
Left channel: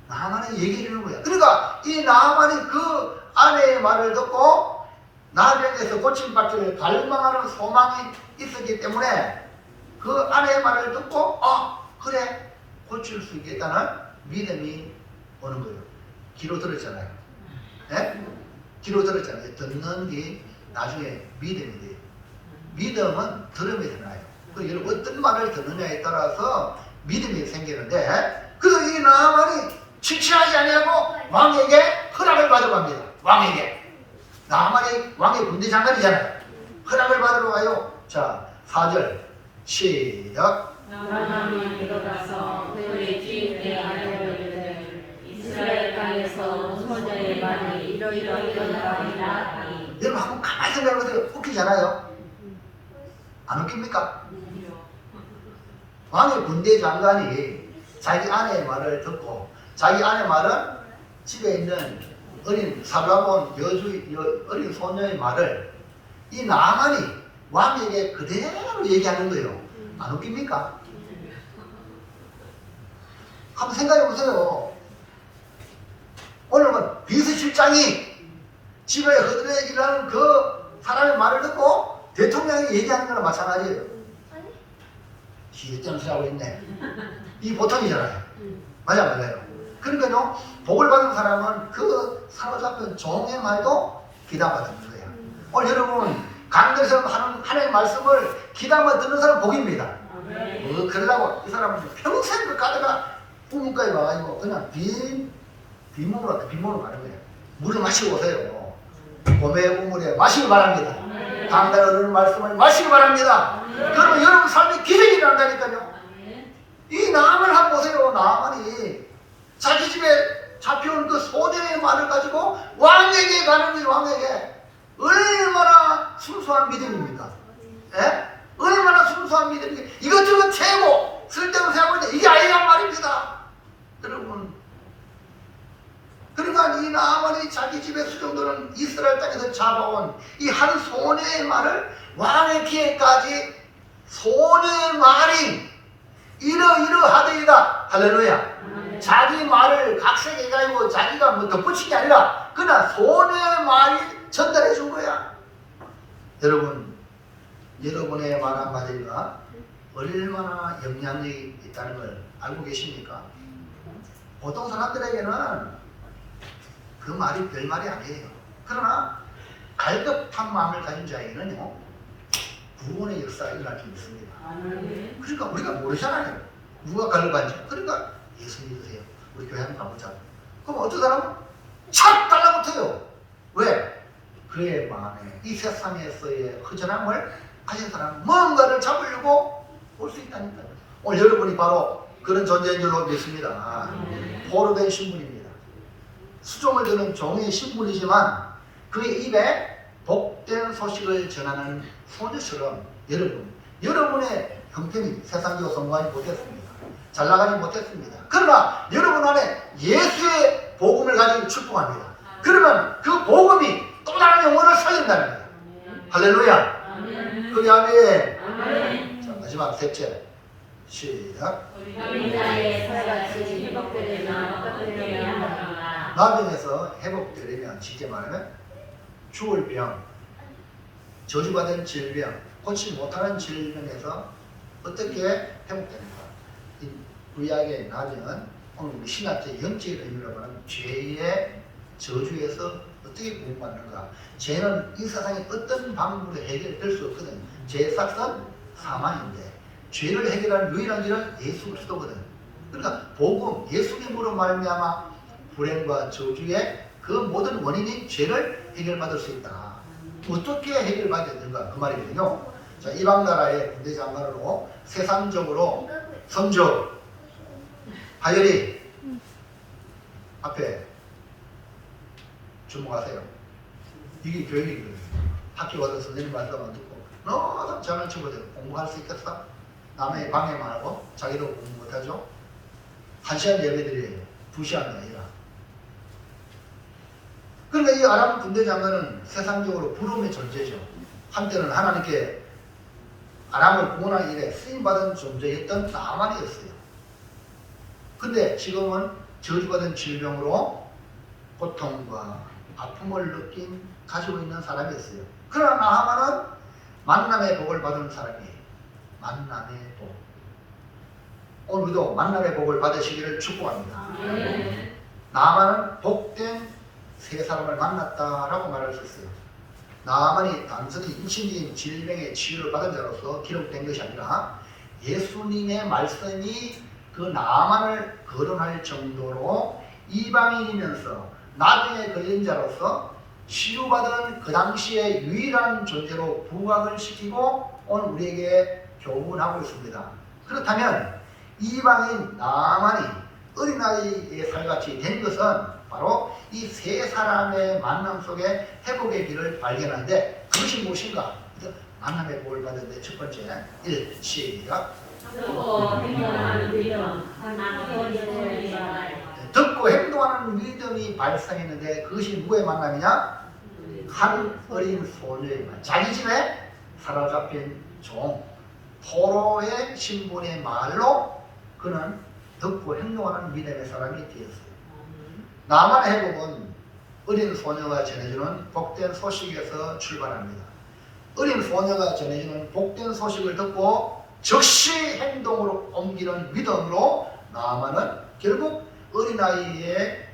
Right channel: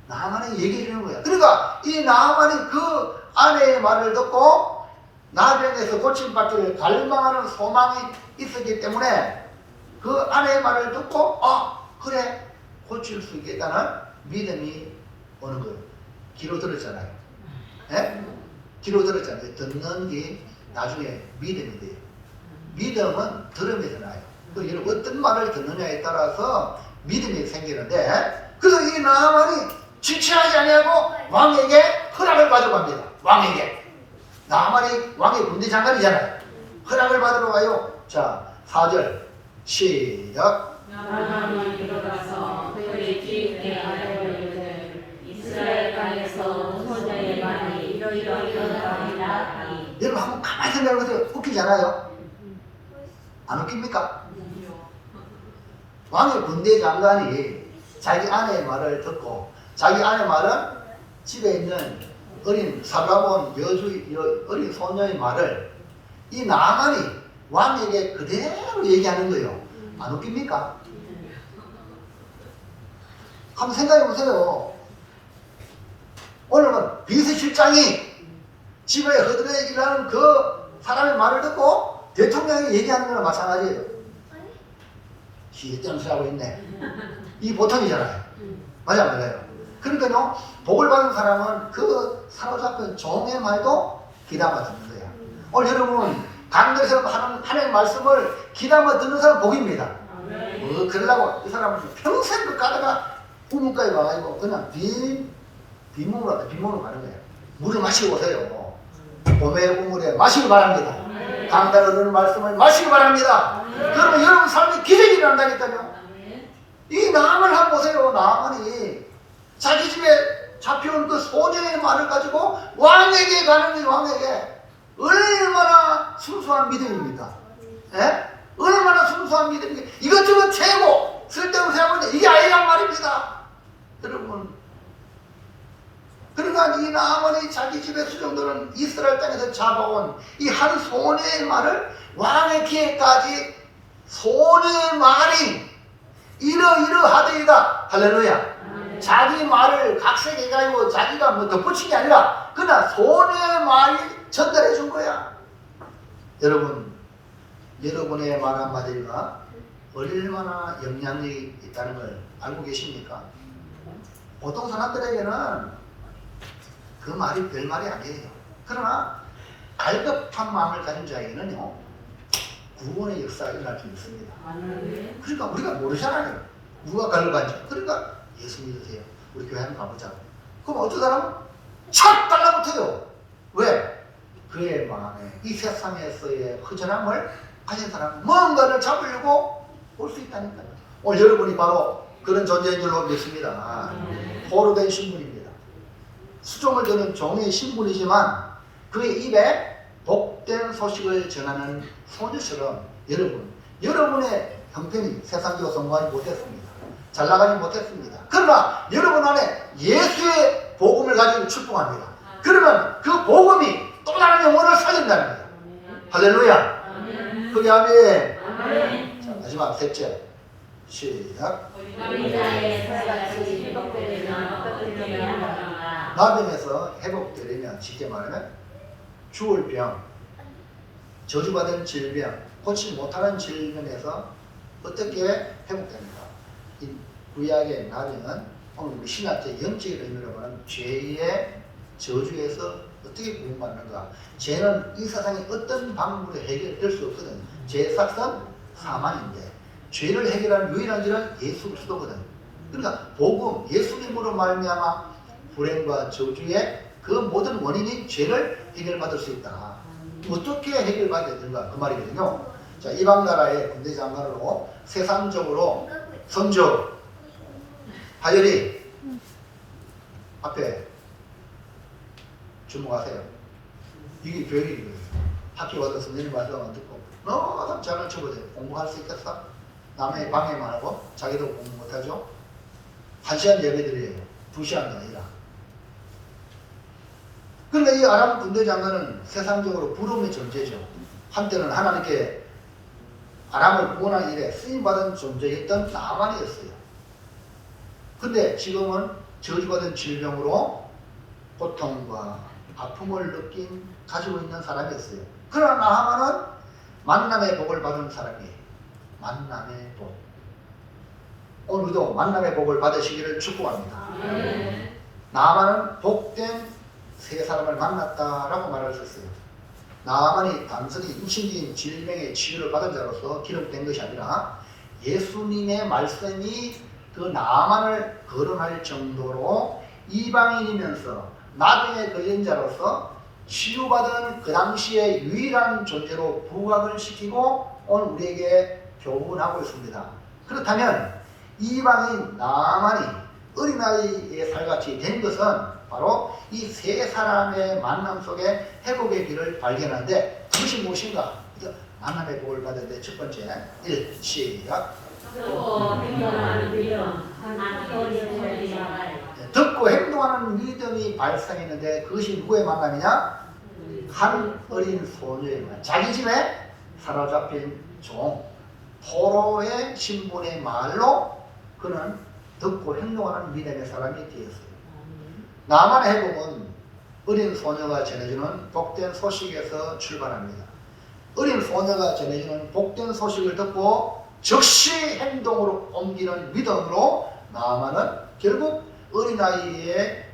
나만에 얘기해 주는 거야. 그러니까 이 나만이 그 아내의 말을 듣고 나병에서 고침받기를 갈망하는 소망이 있었기 때문에 그 아내의 말을 듣고 그래 고칠 수 있겠다는 믿음이 오는 거예요. 귀로 들었잖아요. 네? 귀로 들었잖아요. 듣는 게 나중에 믿음이 돼요. 믿음은 들음에서 나요. 그리고 어떤 말을 듣느냐에 따라서 믿음이 생기는데, 그래서 이 나만이 지체하지 아니하고 왕에게 허락을 가져갑니다. 왕에게. 나만이 왕의 군대 장관이잖아요. 허락을 받으러 가요. 자, 4절 시작. 나만이 들어가서 그의 주인의 아들을 이스라엘 땅에서 소녀의 말이 이러이러하니라. 여러분 한번 가만히 생각해보세요. 웃기잖아요. 안 웃깁니까? 왕의 군대 장관이 자기 아내의 말을 듣고, 자기 아내 말은 집에 있는 어린 살라본 어린 소녀의 말을 이 나만이 왕에게 그대로 얘기하는 거예요. 안 웃깁니까? 한번 생각해 보세요. 오늘은 비서실장이 집에 허드레 일하는 그 사람의 말을 듣고 대통령이 얘기하는 거랑 마찬가지예요. 시정수하고 있네. 이 보통이잖아요. 맞아요. 그러니까요, 복을 받은 사람은 그 사로잡힌 종의 말도 귀담아 듣는 거야. 오늘 여러분 강단에서 하는 하나님의 말씀을 귀담아 듣는 사람은 복입니다. 그러려고 이 사람은 평생 그 가다가 우물가에 와가지고 그냥 빈몸으로 가는 거예요. 물을 마시고 오세요. 봄의 우물에 마시기 바랍니다. 강단에 흐르는 말씀을 마시기 바랍니다. 그러면 여러분 삶에 기적이 일어난다니까요. 이 나만을 한번 보세요. 나만이 자기 집에 잡혀온 그 소년의 말을 가지고 왕에게 가는 이 왕에게 얼마나 순수한 믿음입니까? 예? 얼마나 순수한 믿음입니까? 이것저것 채고 쓸데없는 생각하는데 이게 아니란 말입니다. 여러분, 그러니까 이 나만이 자기 집에 수종들은 이스라엘 땅에서 잡아온 이 한 소년의 말을 왕의 귀에까지 소년의 말이 이러이러하되이다. 할렐루야. 자기 말을 각색해가지고 자기가 뭐 덧붙인 게 아니라 그냥 소년의 말이 전달해 준 거야. 여러분, 여러분의 말 한마디가 얼마나 영향이 있다는 걸 알고 계십니까? 보통 사람들에게는 그 말이 별 말이 아니에요. 그러나 갈급한 마음을 가진 자에게는요, 구원의 역사가 일어날 수 있습니다. 그러니까 우리가 모르잖아요. 누가 갈급한지. 그러니까 예수 믿으세요. 우리 교회 한번 가보자. 그럼 어떤 사람은 착 달라붙어요. 왜? 그의 마음에 이 세상에서의 허전함을 가진 사람은 뭔가를 잡으려고 올 수 있다니까요. 오늘 여러분이 바로 그런 존재인 줄로 믿습니다. 포로된 신분입니다. 수종을 드는 종의 신분이지만 그의 입에 복된 소식을 전하는 소녀처럼 여러분의 형편이 세상적으로 성공하지 못했습니다. 잘 나가지 못했습니다. 그러나 여러분 안에 예수의 복음을 가지고 출동합니다. 그러면 그 복음이 또 다른 영혼을 살린다는 거예요. 할렐루야. 그게 아멘. 자, 마지막 셋째. 시작. 나병에서 회복되려면 쉽게 말하면 죽을 병, 저주받은 질병, 고치지 못하는 질병에서 어떻게 회복됩니까? 이 구약의 나병은 오늘 우리 신학적 영적인 의미로 보는 죄의 저주에서 어떻게 구원받는가? 죄는 이 세상에 어떤 방법으로 해결될 수 없거든. 죄의 삭선 사망인데 죄를 해결하는 유일한 길은 예수 그리스도거든. 그러니까 복음, 예수님으로 말미암아 불행과 저주의 그 모든 원인인 죄를 해결받을 수 있다. 어떻게 해결받아야 되는가? 그 말이거든요. 자, 이방 나라의 군대 장관으로 세상적으로 선조 하열이 앞에 주목하세요. 이게 교육이거든요. 학교 가서 선생님 말씀을 듣고 너무 잘난 척을 해요. 공부할 수 있겠어? 남의 방해만 하고 자기도 공부 못하죠? 1시간 예배 드려요. 2시간 아니라. 그러니까 이 아람 군대 장관은 세상적으로 부름의 존재죠. 한때는 하나님께 아람을 구원하기 일에 쓰임받은 존재였던 나만이었어요. 근데 지금은 저주받은 질병으로 고통과 아픔을 가지고 있는 사람이었어요. 그러나 나하만은 만남의 복을 받은 사람이에요. 만남의 복. 오늘도 만남의 복을 받으시기를 축복합니다. 나하만은 복된 세 사람을 만났다라고 말할 수 있어요. 나하만이 단순히 육신적인 질병의 치유를 받은 자로서 기록된 것이 아니라 예수님의 말씀이 그 나하만을 거론할 정도로 이방인이면서 나병에 걸린 자로서 치유받은 그 당시의 유일한 존재로 부각을 시키고 오늘 우리에게 교훈하고 있습니다. 그렇다면 이방인 나하만이 어린아이의 살같이 된 것은 바로 이 세 사람의 만남 속에 회복의 길을 발견하는데 그것이 무엇인가? 만남의 복을 받는데 첫 번째 1. 시작. 듣고 행동하는 믿음이 발생했는데 그것이 누구의 만남이냐? 한 어린 소녀의 만남. 자기 집에 사로잡힌 종 포로의 신분의 말로 그는 듣고 행동하는 믿음의 사람이 되었어요. 나만의 회복은 어린 소녀가 전해주는 복된 소식에서 출발합니다. 어린 소녀가 전해주는 복된 소식을 듣고 즉시 행동으로 옮기는 믿음으로 나만은 결국 어린아이의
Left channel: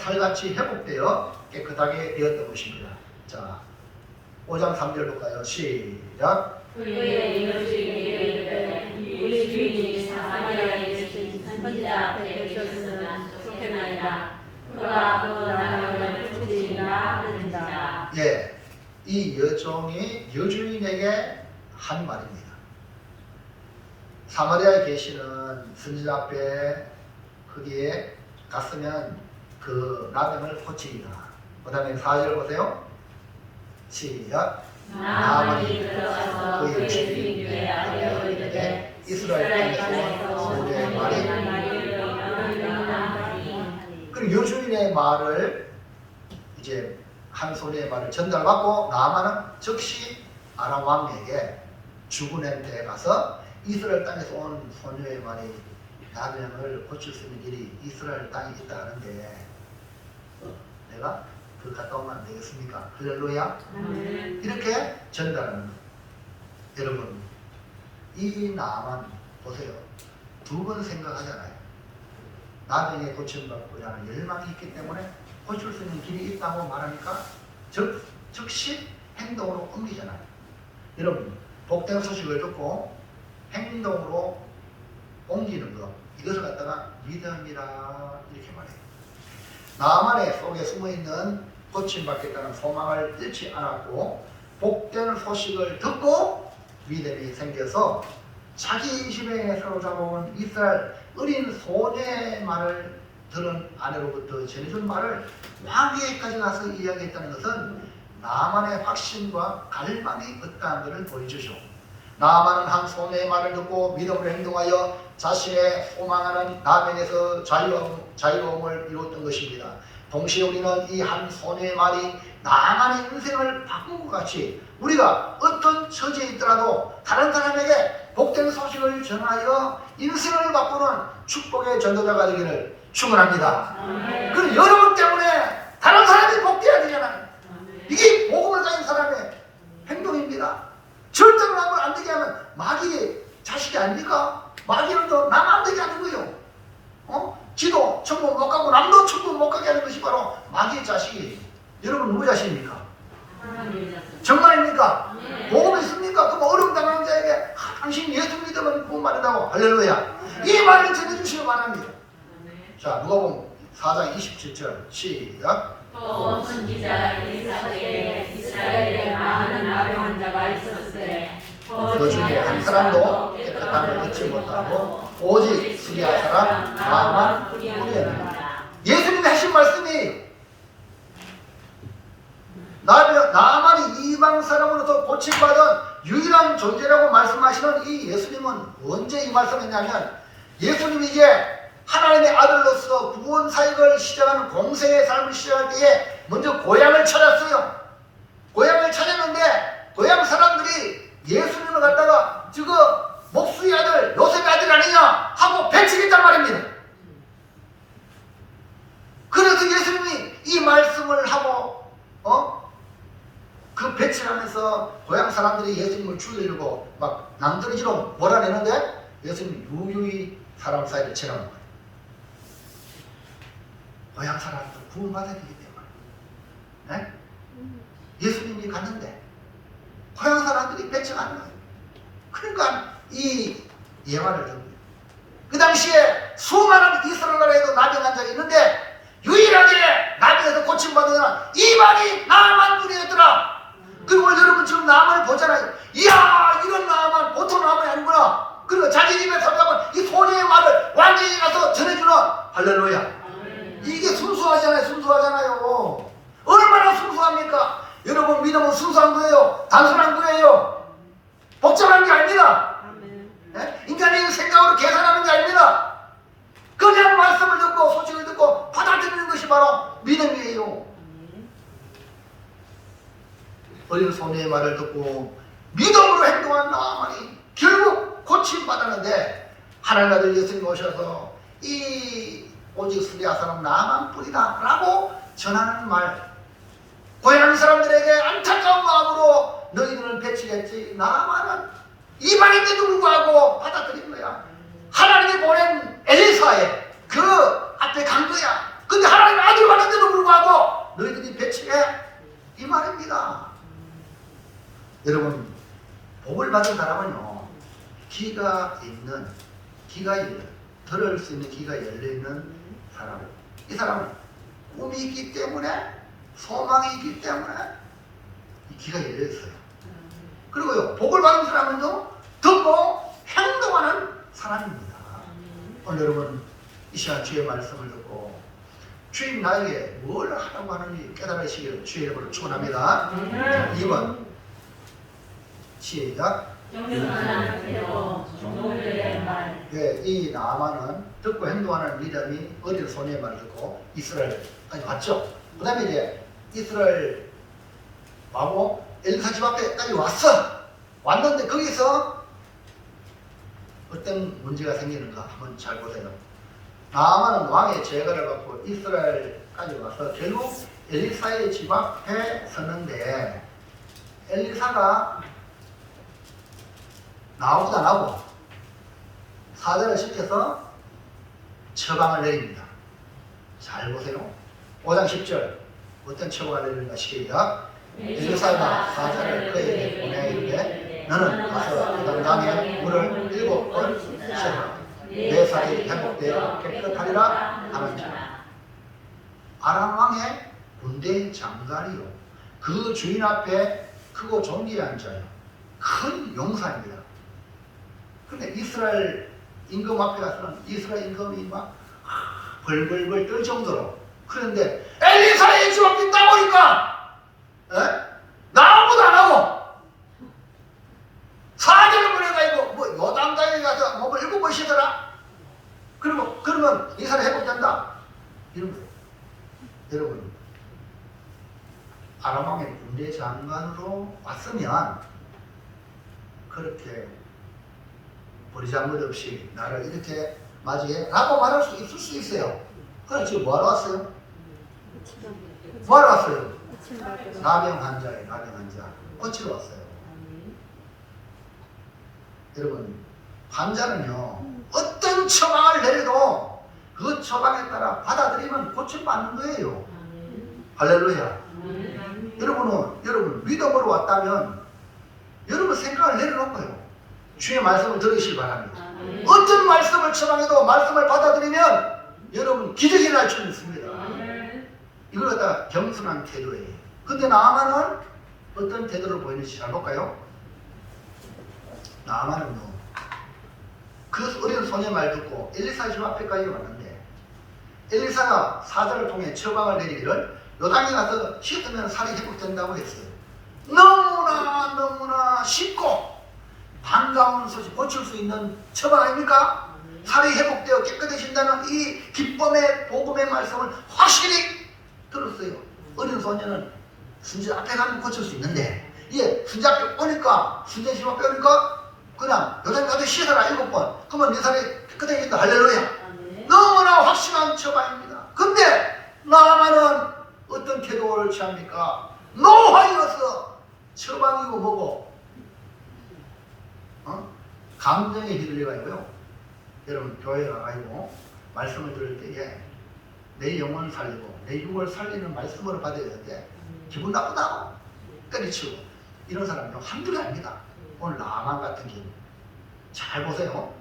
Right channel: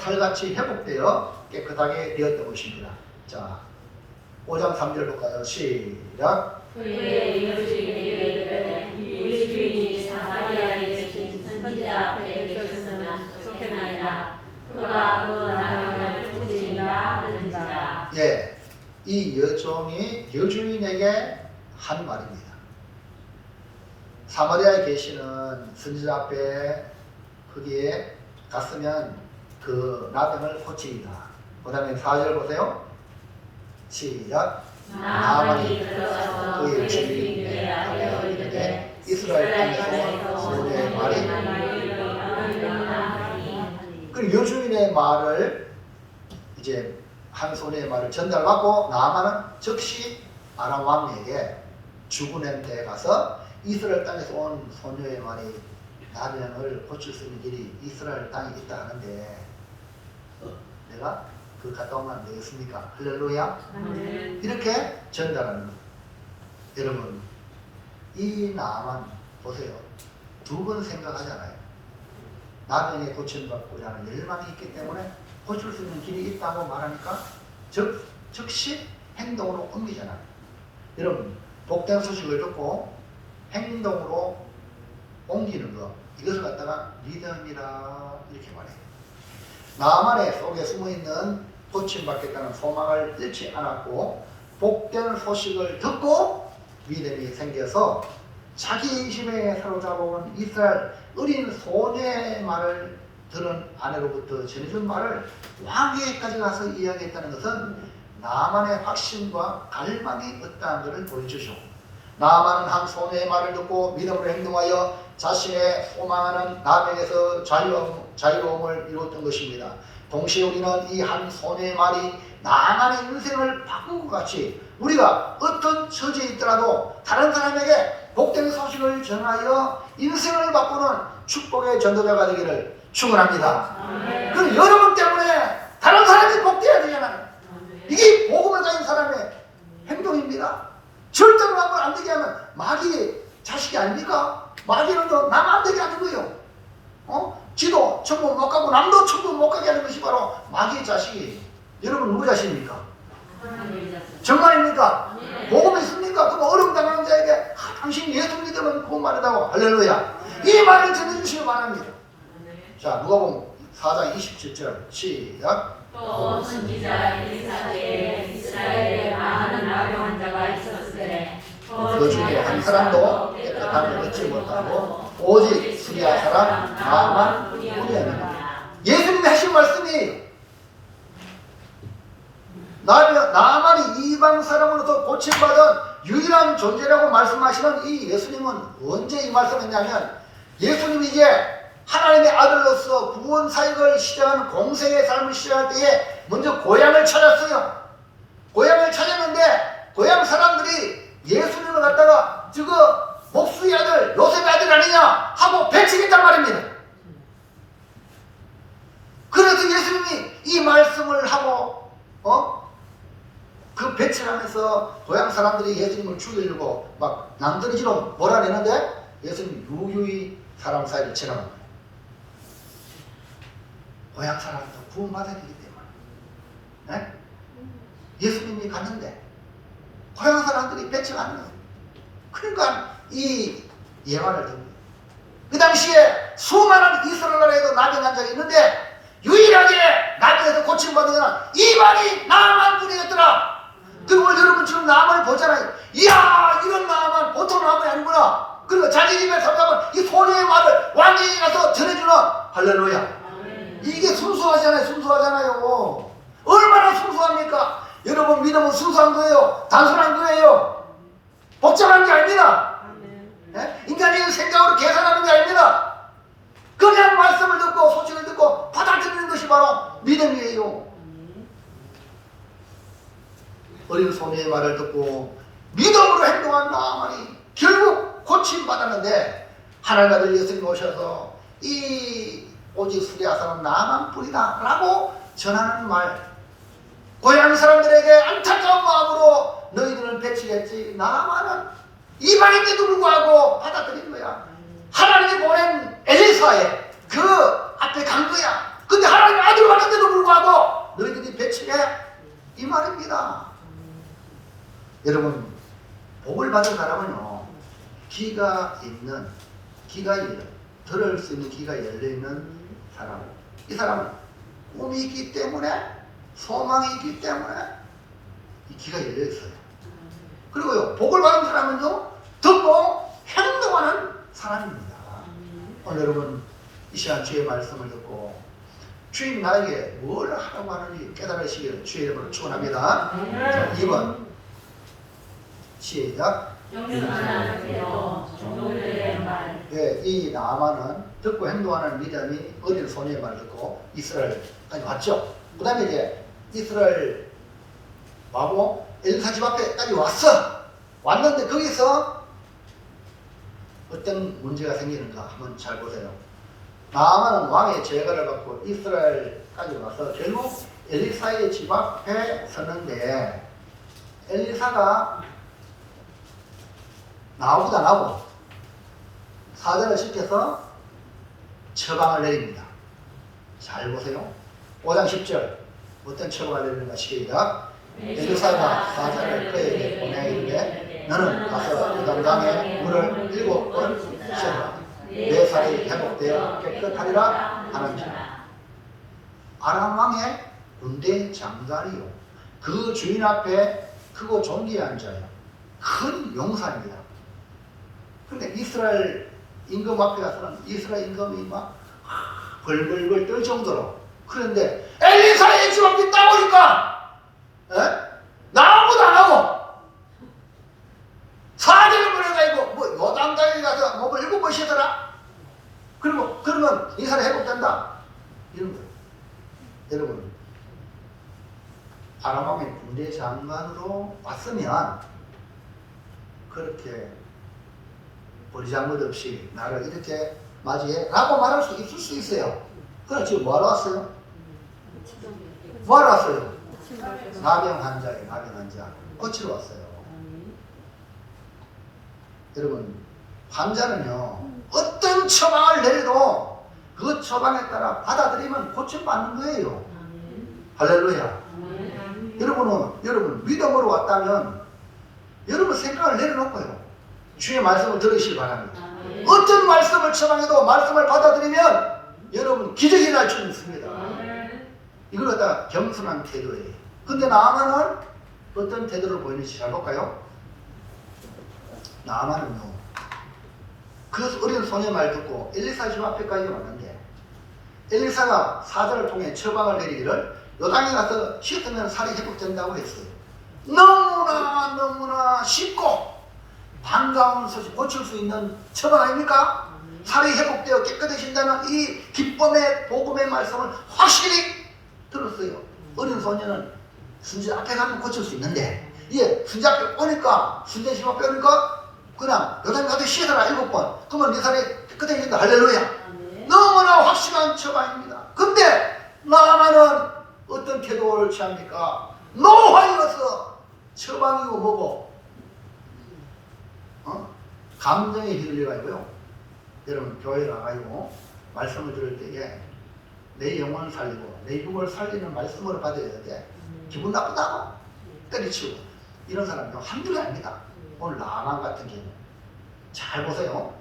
살같이 회복되어 깨끗하게 되었던 것입니다. 자, 5장 3절 볼까요? 시작. 그의 여주인에게 이 주인이 사마리아에 계신 선지자 앞에 계셨으면 좋겠나이다. 그가 그 나라를 죽이리라 하는지라. 예, 이 여종이 여주인에게 한 말입니다. 사마리아에 계시는 선지자 앞에 거기에 갔으면 그 나병을 고치리라. 그 다음에 4절 보세요. 시작. 나만이 들어가서 그의 주인에게 알려드리되 이스라엘 땅에서 소리의 말이 그 여주인의 말을 이제 한 소리의 말을 전달받고 나아만은 즉시 아람 왕에게 죽은 때에 가서 이스라엘 땅에서 온 소녀의 말이 나병을 고칠 수 있는 길이 이스라엘 땅에 있다 하는데 내가 그 갔다 오면 안 되겠습니까? 할렐루야. 이렇게 전달하는 거예요. 여러분, 이 나만 보세요. 두 번 생각하잖아요. 나병에 고침받고자 하는 열망이 있기 때문에 고칠 수 있는 길이 있다고 말하니까 즉시 행동으로 옮기잖아요. 여러분, 복된 소식을 듣고 행동으로 옮기는 거, 이것을 갖다가 믿음이라 이렇게 말해요. 나만의 속에 숨어있는 고침받겠다는 소망을 잃지 않았고 복된 소식을 듣고 믿음이 생겨서 자기 집에 사로잡아온 이스라엘 어린 소녀의 말을 들은 아내로부터 전해준 말을 왕에게까지 가서 이야기했다는 것은 나만의 확신과 갈망이 있다는 것을 보여주죠. 나만은 한 소녀의 말을 듣고 믿음으로 행동하여 자신의 소망하는 나병에서 자유로움을 이루었던 것입니다. 동시에 우리는 이 한 소녀의 말이 나만의 인생을 바꾼 것 같이 우리가 어떤 처지에 있더라도 다른 사람에게 복된 소식을 전하여 인생을 바꾸는 축복의 전도자가 되기를 축원합니다. 그럼 여러분 때문에 다른 사람이 복되어야 되잖아요. 이게 복음을 가진 사람의 행동입니다. 절대로 하면 안 되게 하면 마귀의 자식이 아닙니까? 마귀는 또 남 안 되게 하는 거예요. 지도 천국 못 가고 남도 천국 못 가게 하는 것이 바로 마귀의 자식이에요. 여러분 누구 자식입니까? 정말입니까? 복음이 있습니까? 그럼 어려움 당하는 자에게 당신 예수 믿으면 구원 받는다고 할렐루야. 이 말을 전해주시기 바랍니다. 자, 누가복음 4장 27절 시작. 또 선지자 엘리사에게 이스라엘에 많은 나병 환자가 있었으되 그 중에 한 사람도 깨끗함을 얻지 못하고 오직 수리아 사람 나만 뿐이었느니라. 예수님이 하신 말씀이 나만이 이방 사람으로부터 고침받은 유일한 존재라고 말씀하시는 이 예수님은 언제 이 말씀했냐면 예수님이 이제 하나님의 아들로서 구원 사역을 시작하는 공생의 삶을 시작할 때에 먼저 고향을 찾았어요. 고향을 찾았는데 고향 사람들이 예수님을 갖다가 저거 목수의 아들 요셉의 아들 아니냐 하고 배척했단 말입니다. 그래서 예수님이 이 말씀을 하고 그 배척하면서 고향 사람들이 예수님을 죽이려고 막 낭떠러지로 몰아내는데 예수님이 유유히 사람 사이를 지나간 거예요. 고향 사람도 구원받아야 되기 때문에. 네? 예수님이 갔는데 고향 사람들이 배척하는 거예요. 그러니까 이 예화를 듭니다. 그 당시에 수많은 이스라엘 나라에도 나병 환자가 있는데 유일하게 나병에서 고침받은 이만이 나만 뿐이었더라. 그리고 여러분 지금 나만을 보잖아요. 이야, 이런 나만 보통 나만이 아니구나. 그리고 자기 집에 살다면 이 소리의 말을 왕에게 가서 전해주는 할렐루야. 이게 순수하잖아요. 순수하잖아요. 얼마나 순수합니까? 여러분 믿음은 순수한 거예요. 단순한 거예요. 복잡한 게 아닙니다. 네? 인간이 생각으로 계산하는 게 아닙니다. 그냥 말씀을 듣고 소식을 듣고 받아들이는 것이 바로 믿음이에요. 어린 소녀의 말을 듣고 믿음으로 행동한 나만이 결국 고침받았는데 하나님 아들 예수님 오셔서 이 오직 수리아 사람 나만 뿐이다 라고 전하는 말, 고향 사람들에게 안타까운 마음으로 너희들은 배치겠지 나만은 이방인데도 불구하고 받아들인 거야. 하나님이 보낸 엘리사의 그 앞에 간 거야. 근데 하나님의 아들을 받았는데도 불구하고 너희들이 배척해? 이 말입니다. 여러분, 복을 받은 사람은요, 귀가 들을 수 있는 귀가 열려있는 사람. 이 사람은 꿈이 있기 때문에, 소망이 있기 때문에 이 귀가 열려있어요. 그리고요, 복을 받은 사람은요, 듣고 행동하는 사람입니다. 오늘 여러분, 이 시간 주의 말씀을 듣고 주님 나에게 뭘 하라고 하는지 깨달으시기를 주의 이름으로 축원합니다. 2번 시작. 네, 이 나아만은 듣고 행동하는 믿음이 어디를 손의 말을 듣고 이스라엘까지 왔죠. 그 다음에 이제 이스라엘 와고 엘리사 집 앞에까지 왔는데 거기서 어떤 문제가 생기는가 한번 잘 보세요. 나아만은 왕의 제거를 받고 이스라엘까지 와서 결국 엘리사의 집 앞에 섰는데 엘리사가 나오기도 안 하고 사자를 시켜서 처방을 내립니다. 잘 보세요. 5장 10절 어떤 처방을 내리는가 시작. 엘리사가 사자를 그에게 보내 이르되 너는 가서 요단강에 물을 7번 씻어라. 내 살이 회복되어 깨끗하리라 하는지라. 아람 왕의 군대 장관이요 그 주인 앞에 크고 존귀한 자요 큰 용사입니다. 근데 이스라엘 임금 앞에 가서는 이스라엘 임금이 막 벌벌벌 떨 정도로 그런데 엘리사의 집 앞에 딱 오니까 아무도 안 하고 사자를 보내가지고 뭐 요단강에 가서 목을 7번 쉬더라. 그리고 그러면 이 사람 회복된다 이런 거예요. 여러분, 아람 왕의 군대 장관으로 왔으면 그렇게 버리장머리 없이 나를 이렇게 맞이해 라고 말할 수 있을 수 있어요. 그럼 지금 뭐하러 왔어요? 뭐하러 왔어요? 나병 환자에 나병 환자 고치러 왔어요. 여러분, 환자는요 어떤 처방을 내려도 그 처방에 따라 받아들이면 고침받는 거예요. 할렐루야. 여러분 믿음으로 왔다면 여러분 생각을 내려놓고요 주의 말씀을 들으시기 바랍니다. 어떤 말씀을 처방해도 말씀을 받아들이면 여러분 기적이 날 줄 있습니다. 이걸 갖다가 겸손한 태도예요. 근데 나아만은 어떤 태도를 보이는지 잘 볼까요? 나아만은요 그 어린 소녀의 말 듣고 엘리사 집 앞에까지 왔는데 엘리사가 사자를 통해 처방을 내리기를 요단에 가서 씻으면 살이 회복된다고 했어요. 너무나 쉽고 반가우면서 고칠 수 있는 처방 아닙니까? 살이 회복되어 깨끗해진다는 이 기쁨의 복음의 말씀을 확실히 들었어요. 어린 소녀는 순재 앞에 가면 고칠 수 있는데 순재 앞에 오니까 순재 집 앞에 오니까 그냥 요단에 가서 씻어라 7번 그러면 네 살이 깨끗해진다. 할렐루야. 너무나 확실한 처방입니다. 근데 나아만은 어떤 태도를 취합니까? 노하여서 처방이고 뭐고 감정에 휘둘려가지고요. 여러분 교회 나가지고 말씀을 들을 때에 내 영혼을 살리고 내 육을 살리는 말씀으로 받아야 돼. 기분 나쁘다고 때리치고 이런 사람이 한둘이 아닙니다. 오늘 나만 같은 경우 잘 보세요.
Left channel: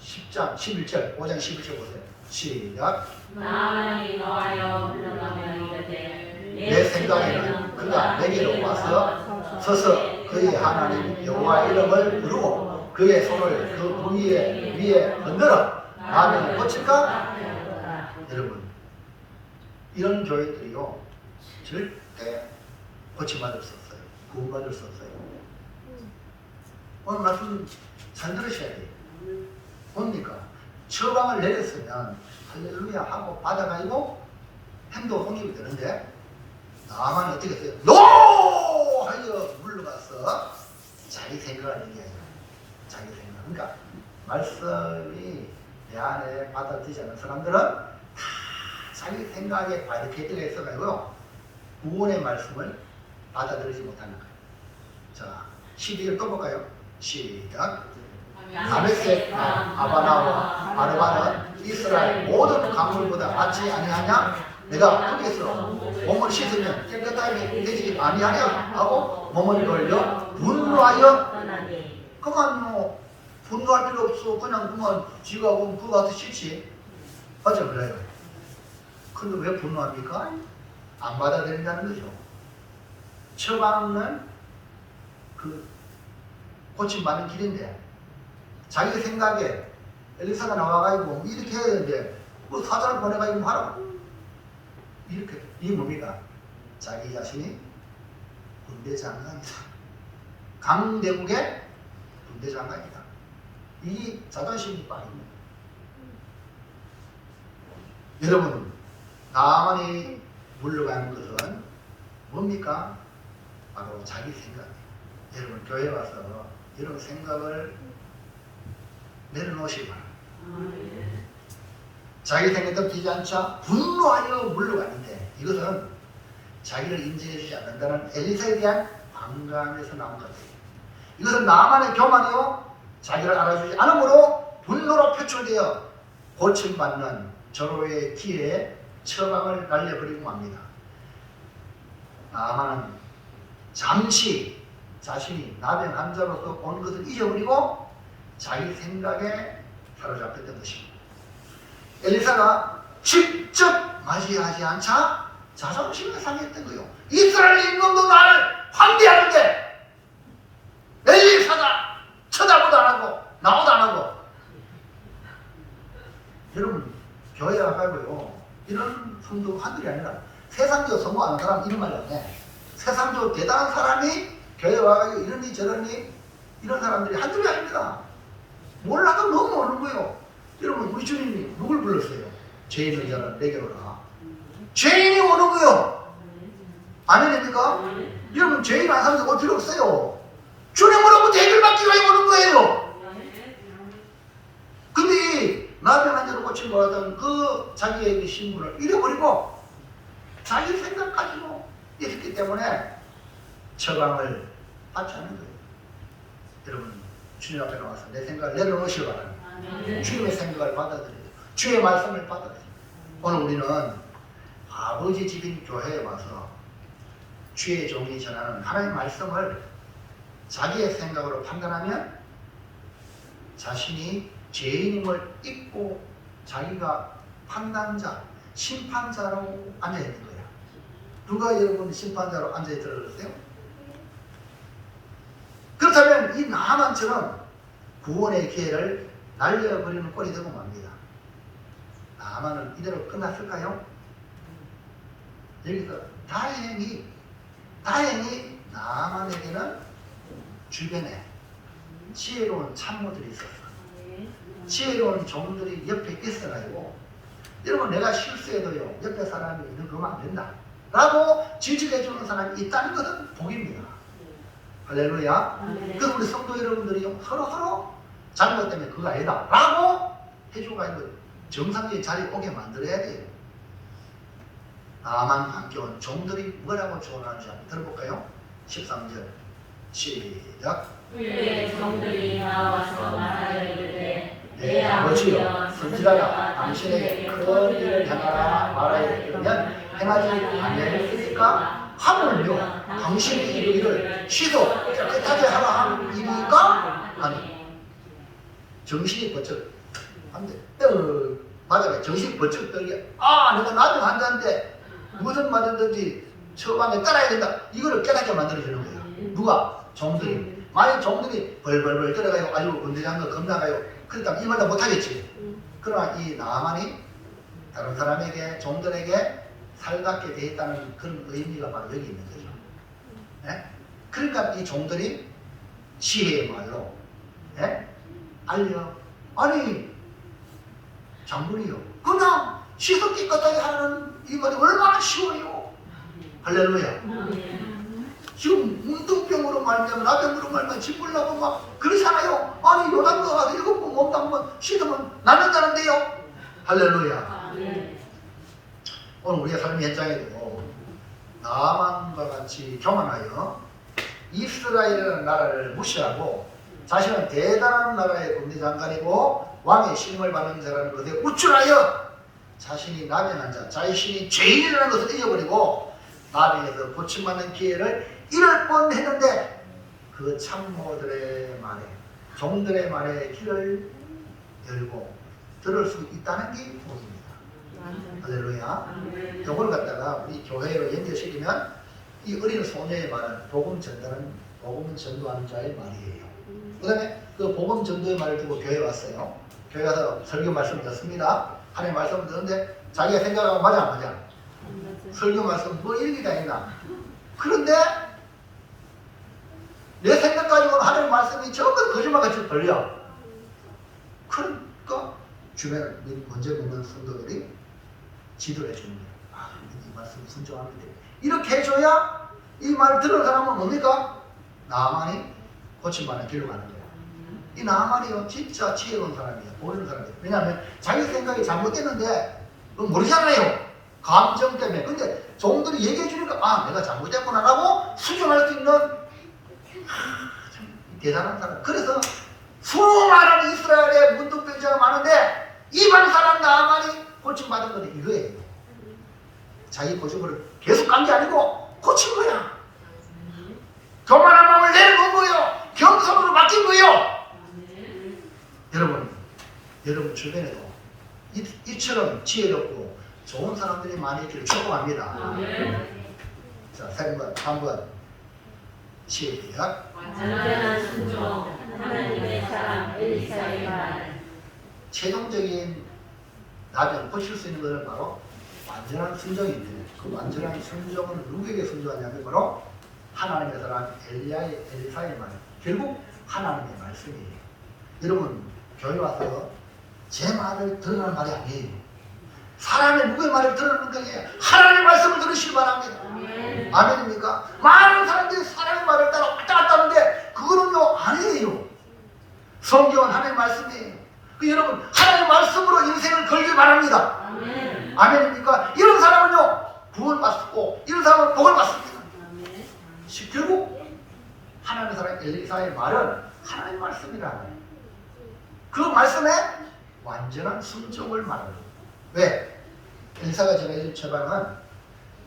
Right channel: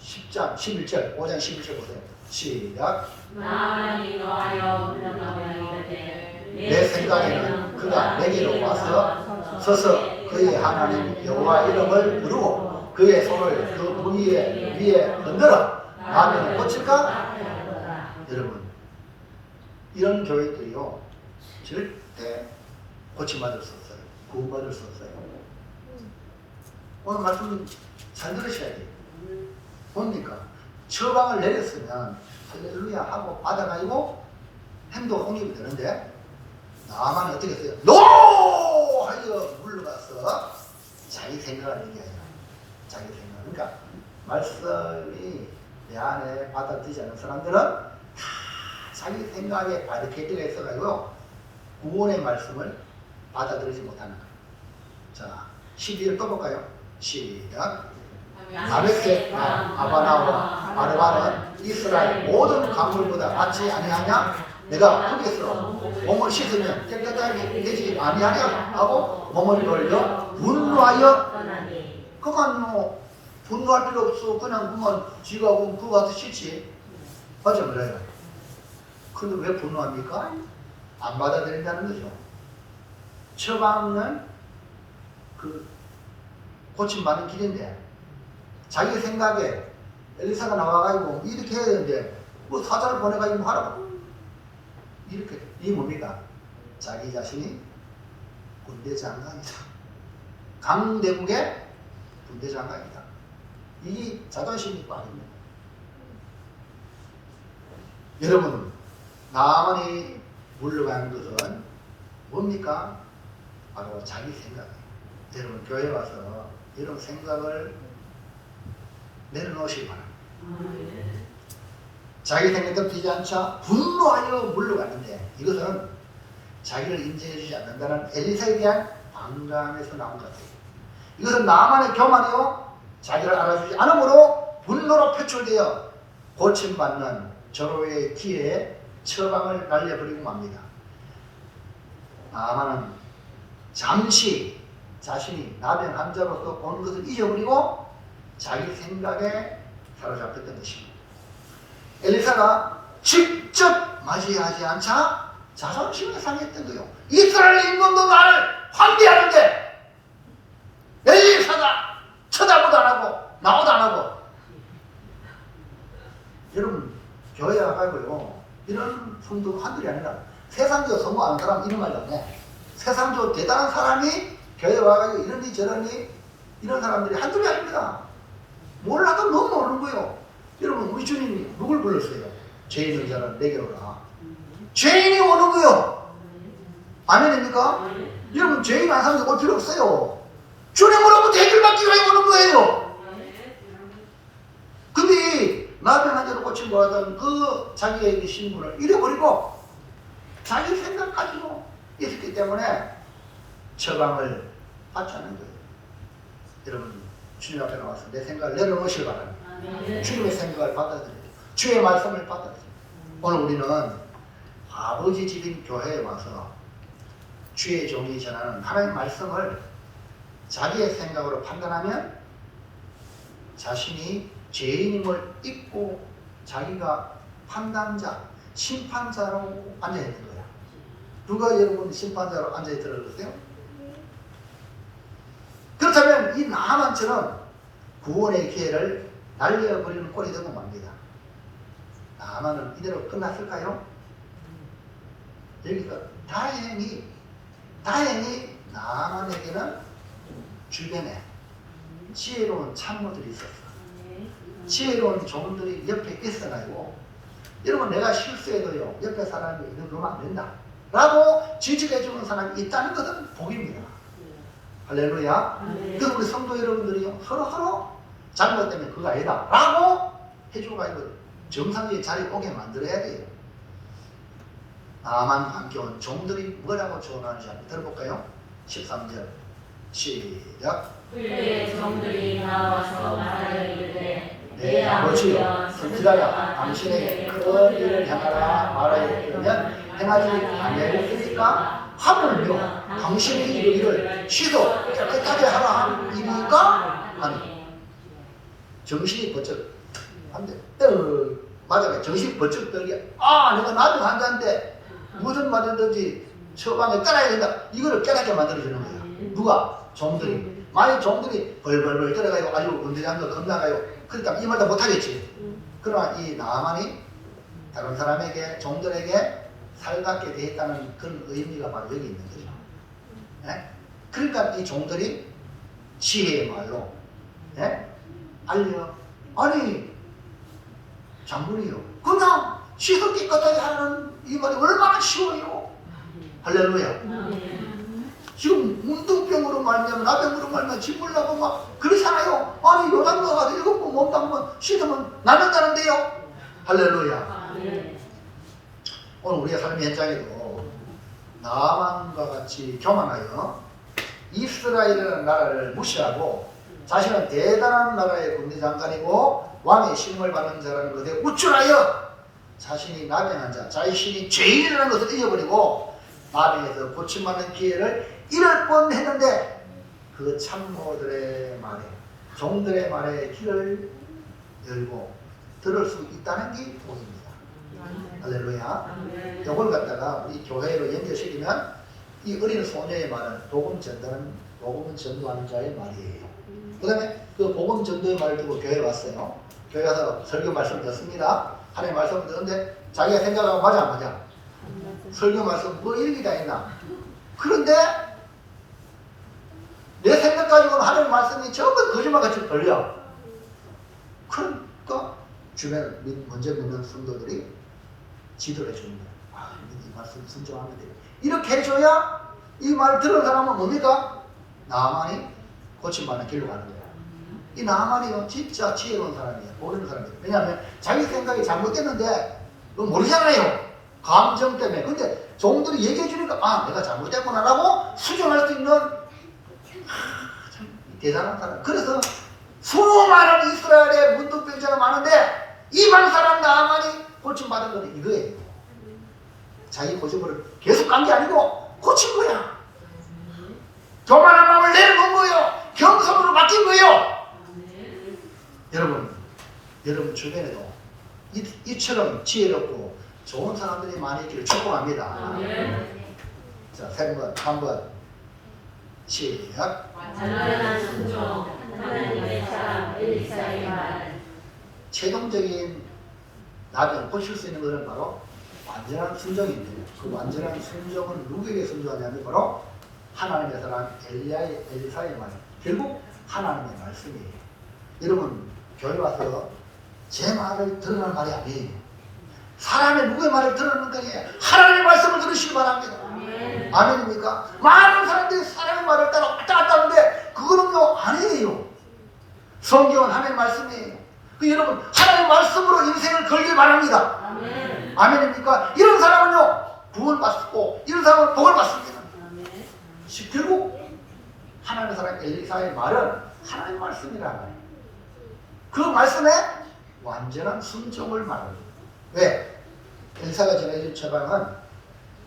10장 11절 5장 11절 보세요. 시작. 나만이 너하여 물러나면 이르되 내 생각에는 그가 내게로 와서 서서 그의 하나님 여호와 이름을 부르고 그의 손을 그 부위에 위에 흔들어 나는 고칠까? 여러분 이런 교회들이요 절대 고침받을 수 없어요. 구원받을 수 없어요. 오늘 말씀 잘 들으셔야 돼요. 뭡니까? 처방을 내렸으면 할렐루야 하고 받아가지고 행동 옹입이 되는데 나만 어떻게 했어요? 노! 하여 물러가서 자기 생각을 얘기해요. 자기 생각. 그러니까 말씀이 내 안에 받아들이지 않는 사람들은 다 자기 생각에 바리케이트가 있어가지고요 구원의 말씀을 받아들이지 못하는 거예요. 자, 12절 또 볼까요? 시작. 다메섹 아바나와 아르바는 이스라엘 모든 강물보다 낫지 아니하냐? 내가 흙에서 몸을 씻으면 깨끗하게 되지 아니하냐? 하고 몸을 돌려 분노하여 떠나니 그만 분노할 필요 없어. 그냥 그만 지가 보면 그거 가서 씻지. 맞죠? 그래요. 근데 왜 분노합니까? 안 받아들인다는 거죠. 처방은 그 고침받는 길인데 자기 생각에 엘리사가 나와가지고 이렇게 해야 되는데 뭐 사자를 보내가지고 하라고 이렇게. 이게 뭡니까? 자기 자신이 군대 장관이다. 강대국의 군대 장관이다. 이 자존심이 빠집니다. 여러분, 나만이 물러가는 것은 뭡니까? 바로 자기 생각이에요. 여러분, 교회 와서 이런 생각을 내려놓으시기 바랍니다. 자기 생각대로 되지 않자 분노하여 물러가는데 이것은 자기를 인정해주지 않는다는 엘리사에 대한 반감에서 나온 것 같아요. 이것은 나만의 교만이요 자기를 알아주지 않으므로 분노로 표출되어 고침받는 절호의 기회에 처방을 날려버리고 맙니다. 나만은 잠시 자신이 나병 환자로서 온 것을 잊어버리고 자기 생각에 사로잡혔던 것입니다. 엘리사가 직접 맞이하지 않자 자존심이 상했던 거예요. 이스라엘 인민도 나를 환대하는데 엘리사가 쳐다보도 안 하고 나오도 안 하고. 여러분, 교회 와가지고요 이런 성도 한둘이 아니라 세상적으로 성공 안 하는 사람 이런 말이 안 해. 세상적으로 대단한 사람이 교회 와가지고 이러니 저러니 이런 사람들이 한둘이 아닙니다. 몰라도 너무 모르는 거예요. 여러분, 우리 주님이 누굴 불렀어요? 죄인의 자를 내게 오라. 죄인이 오는 거예요. 아멘입니까? 여러분, 죄인 안 사는 올 필요 없어요. 주님으로부터 해결받기 위해 오는 거예요. 근데 나병 환자로 고침 받았던 그 자기의 신분을 잃어버리고 자기 생각 가지고 있었기 때문에 처방을 받지 않는 거예요. 여러분, 주님 앞에 나와서 내 생각을 내려놓으시기 바랍니다. 주님의 생각을 받아들이고 주의 말씀을 받아들이고. 오늘 우리는 아버지 집인 교회에 와서 주의 종이 전하는 하나님의 말씀을 자기의 생각으로 판단하면 자신이 죄인임을 잊고 자기가 판단자, 심판자로 앉아있는 거야. 누가 여러분 심판자로 앉아있더라 그러세요? 그렇다면 이 나만처럼 구원의 기회를 날려버리는 꼴이 되고 맙니다. 나만은 이대로 끝났을까요? 여기서 다행히 나만에게는 주변에 지혜로운 참모들이 있었어. 지혜로운 종들이 옆에 있어가지고 여러분, 내가 실수해도요 옆에 사람이 너 그러면 안 된다 라고 지적해주는 사람이 있다는 것은 복입니다. 할렐루야. 그래서 우리 성도 여러분들이 서로 잘못되면 그거 아니다 라고 해주고 정상적인 자리에 오게 만들어야 돼요. 나만 함께 온 종들이 뭐라고 조언하는지 한번 들어볼까요? 13절 시작. 그의 종들이 나와서 말하여 이르되 내 아버지여 선지자여 당신에게 큰 일을 행하라 말하여 이르면 행하지 아니하겠습니까? 하물며 당신의 일을 취소 깨끗하게 하라 입니까? 아니, 정신이 번쩍 한데 맞아요. 정신이 번쩍 떠게 내가 나병 환자인데 무슨 말이든지 처방에 따라야 된다. 이거를 깨닫게 만들어주는 거야. 누가? 종들이. 만약 종들이 벌벌벌 떨어가요. 아주 건드리한 거 겁나가요. 그러니까 이 말도 못하겠지. 그러나 이 나만이 다른 사람에게, 종들에게 살갑게 되어 있다는 그런 의미가 바로 여기 있는 거죠. 네? 그러니까 이 종들이 지혜의 말로 알려. 아니, 장군이요. 그냥 씻어 깨끗하게 하는 이 말이 얼마나 쉬워요. 할렐루야. 지금 문둥병으로 말면 나병으로 말면 짓물나고 막 그러잖아요. 아니, 요단가 가서 7번 몸 담으면 씻으면 낫는다는데요. 할렐루야. 오늘 우리의 삶의 현장에도 나만과 같이 교만하여 이스라엘이라는 나라를 무시하고 자신은 대단한 나라의 군대장관이고 왕의 신임을 받는 자라는 것에 우쭐하여 자신이 나병한 자, 자신이 죄인이라는 것을 잊어버리고 나병에서 고침받는 기회를 잃을 뻔했는데 그 참모들의 말에, 종들의 말에 귀를 열고 들을 수 있다는 게 복입니다. 할렐루야. 이걸 갖다가 우리 교회로 연결시키면 이 어린 소녀의 말은 복음 전도하는 자의 말이에요. 그 다음에 그 복음 전도의 말을 두고 교회에 왔어요. 교회 가서 설교 말씀을 듣습니다. 하나님 말씀을 듣는데 자기가 생각하고 맞아 안 맞아? 설교 말씀 뭐 일리가 있나? 그런데 내 생각 가지고는 하나님 말씀이 전부 거짓말같이 들려. 그러니까 주변 먼저 믿는 성도들이 지도를 해주는 거예요. 아, 이 말씀 순종하면 돼. 이렇게 해줘야 이 말 들은 사람은 뭡니까? 나만이 고침받는 길로 가는 거예요. 이 나만이요 진짜 지혜로운 사람이에요. 모르는 사람이에요. 왜냐하면 자기 생각이 잘못됐는데 모르잖아요. 감정 때문에. 근데 종들이 얘기해 주니까 아 내가 잘못됐구나라고 수정할 수 있는 참 대단한 사람. 그래서 수많은 이스라엘의 문둥병자가 많은데 이방 사람 나만이 고침받은 건 이거예요. 자기 고집을 계속 간 게 아니고 고친 거야. 교만한 마음을 내려놓은 거예요. 겸손으로 바뀐 거예요. 여러분 주변에도 이처럼 지혜롭고 좋은 사람들이 많이 있기를 축복합니다. 자, 한번 시작. 완전한 순종 하나님의 사랑 엘리사의 말. 최종적인 나병 고칠 수 있는 것은 바로 완전한 순종인데 그 완전한 순종은 누구에게 순종하냐면 바로 하나님의 사랑 엘리사의 말. 결국 하나님의 말씀이에요. 여러분 교회 와서 제 말을 들으라는 말이 아니에요. 사람의 누구의 말을 들으는 거예요. 하나님의 말씀을 들으시기 바랍니다. 아멘입니까? 많은 사람들이 사람의 말을 따라 왔다 갔다 하는데 그거는요 아니에요. 성경은 하나님의 말씀이에요. 여러분 하나님의 말씀으로 인생을 걸길 바랍니다. 아멘입니까? 이런 사람은요 구원을 받고 이런 사람은 복을 받습니다. 결국 하나님의 사랑 엘리사의 말은 하나님의 말씀이라는 그 말씀에 완전한 순종을 말합니다. 왜? 엘리사가 전해진 처방은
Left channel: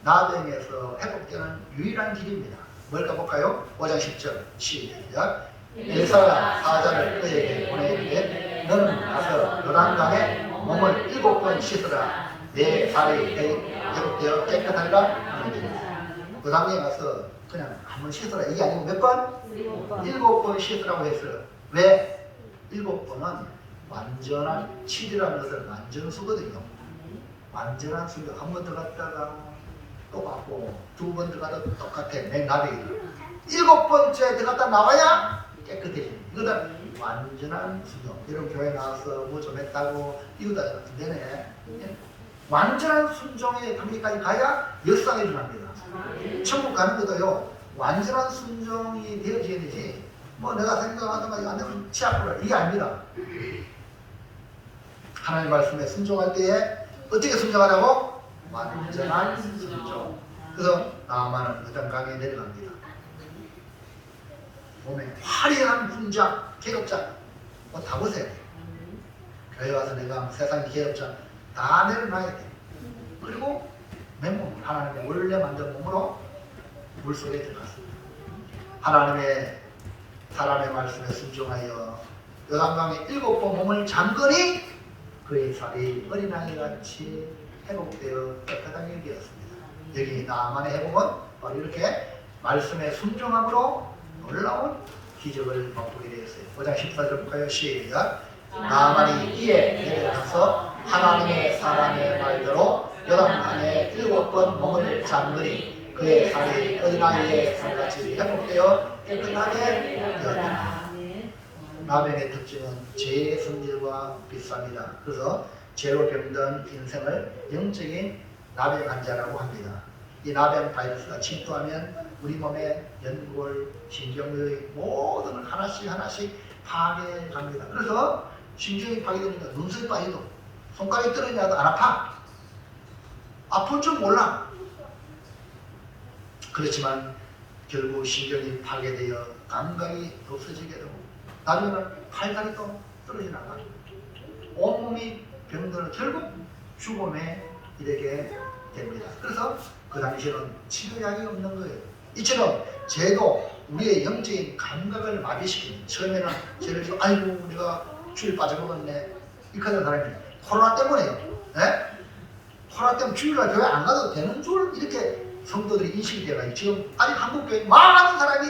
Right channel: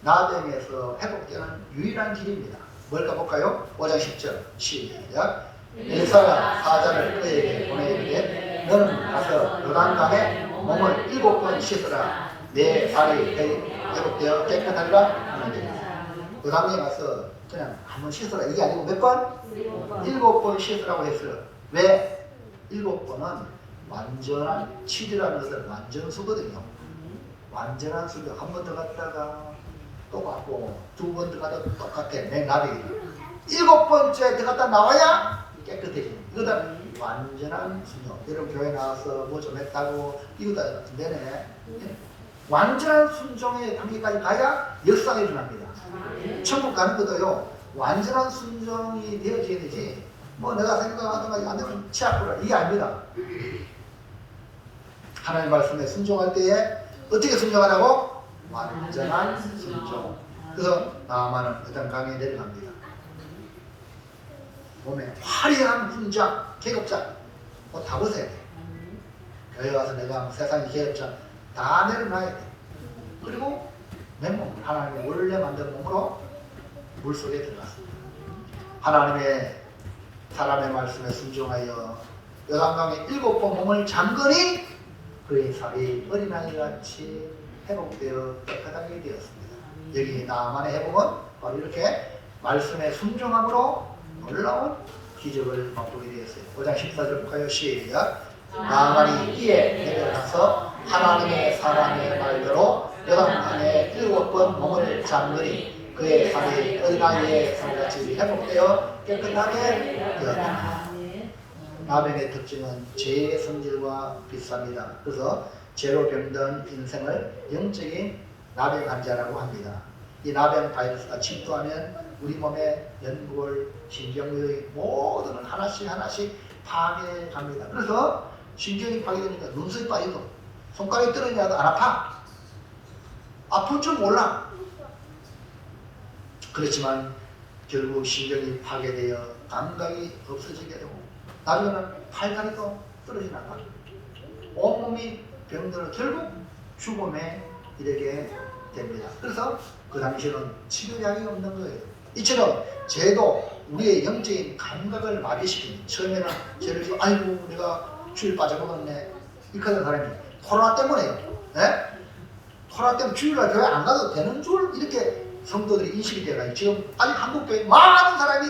나병에서 회복되는 유일한 길입니다. 뭘까 볼까요? 5장 10절 시작. 엘리사가 사자를 그에게 보내이르되 너는 가서 요단강에 몸을 7번 씻으라. 내 살이 회복되어 깨끗하리라 하는데 요단강에 가서 그냥 한번 씻으라. 이게 아니고 몇 번? 7번 씻으라고 했어요. 왜? 7번은 완전한 치리라는 것은 완전수거든요. 완전한 수거. 한 번 더 갔다가 또 갔고 두 번 더 가도 똑같아. 내 나비가 7번째 들어갔다 나와야 깨끗해집니다. 이거는 완전한 수거. 여러분 교회 나와서 뭐 좀 했다고 이거다 되네. 완전한 순종의 단계까지 가야 역사에 일어납니다. 천국 가는 것도요 완전한 순종이 되어져야 되지 뭐 내가 생각하던 거 안 되면 치아프라 이게 아닙니다. 하나님 말씀에 순종할 때에 어떻게 순종하라고? 완전한 순종. 그래서 나아만은 일단 강에 내려갑니다. 몸에 화려한 훈장, 계급장 뭐 다 보세요. 교회 와서 내가 세상 계급장 다 내려놔야 돼. 그리고 맨몸 하나님의 원래 만든 몸으로 물속에 들어갔습니다. 하나님의 사람의 말씀에 순종하여 요단강에 7번 몸을 잠그니 그의 살이 어린아이같이 회복되어 깨끗하게 되었습니다. 여기 나만의 회복은 바로 이렇게 말씀의 순종함으로 놀라운 기적을 맛보게 되었어요. 5장 14절 볼까요? 시작. 나만이 이에 내려가서 하나님의 사람의 말대로 요단강에 7번 몸을 잠그니 그의 살이 어린아이의 살같이 회복되어 깨끗하게 되었다. 나병의 특징은 죄의 성질과 비슷합니다. 그래서 죄로 병든 인생을 영적인 나병 환자라고 합니다. 이 나병 바이러스가 침투하면 우리 몸의 연골, 신경의 모든 걸 하나씩 파괴합니다. 그래서 신경이 파괴되니까 눈썹이 빠져도 손가락이 떨어지냐도 안 아파. 아픈 줄 몰라. 그렇지만 결국 신경이 파괴되어 감각이 없어지게 되고 나중에는 팔다리도 떨어져 나가. 온몸이 병들어 결국 죽음에 이르게 됩니다. 그래서 그 당시에는 치료약이 없는 거예요. 이처럼 죄도 우리의 영적인 감각을 마비시키는, 처음에는 죄를 지고 아이고 내가 주일 빠져먹었네 이렇게 하는 사람이 코로나 때문에요. 네? 코로나 때문에 주일날 교회 안 가도 되는 줄 이렇게 성도들이 인식이 되어가지고 지금 아직 한국교회 많은 사람이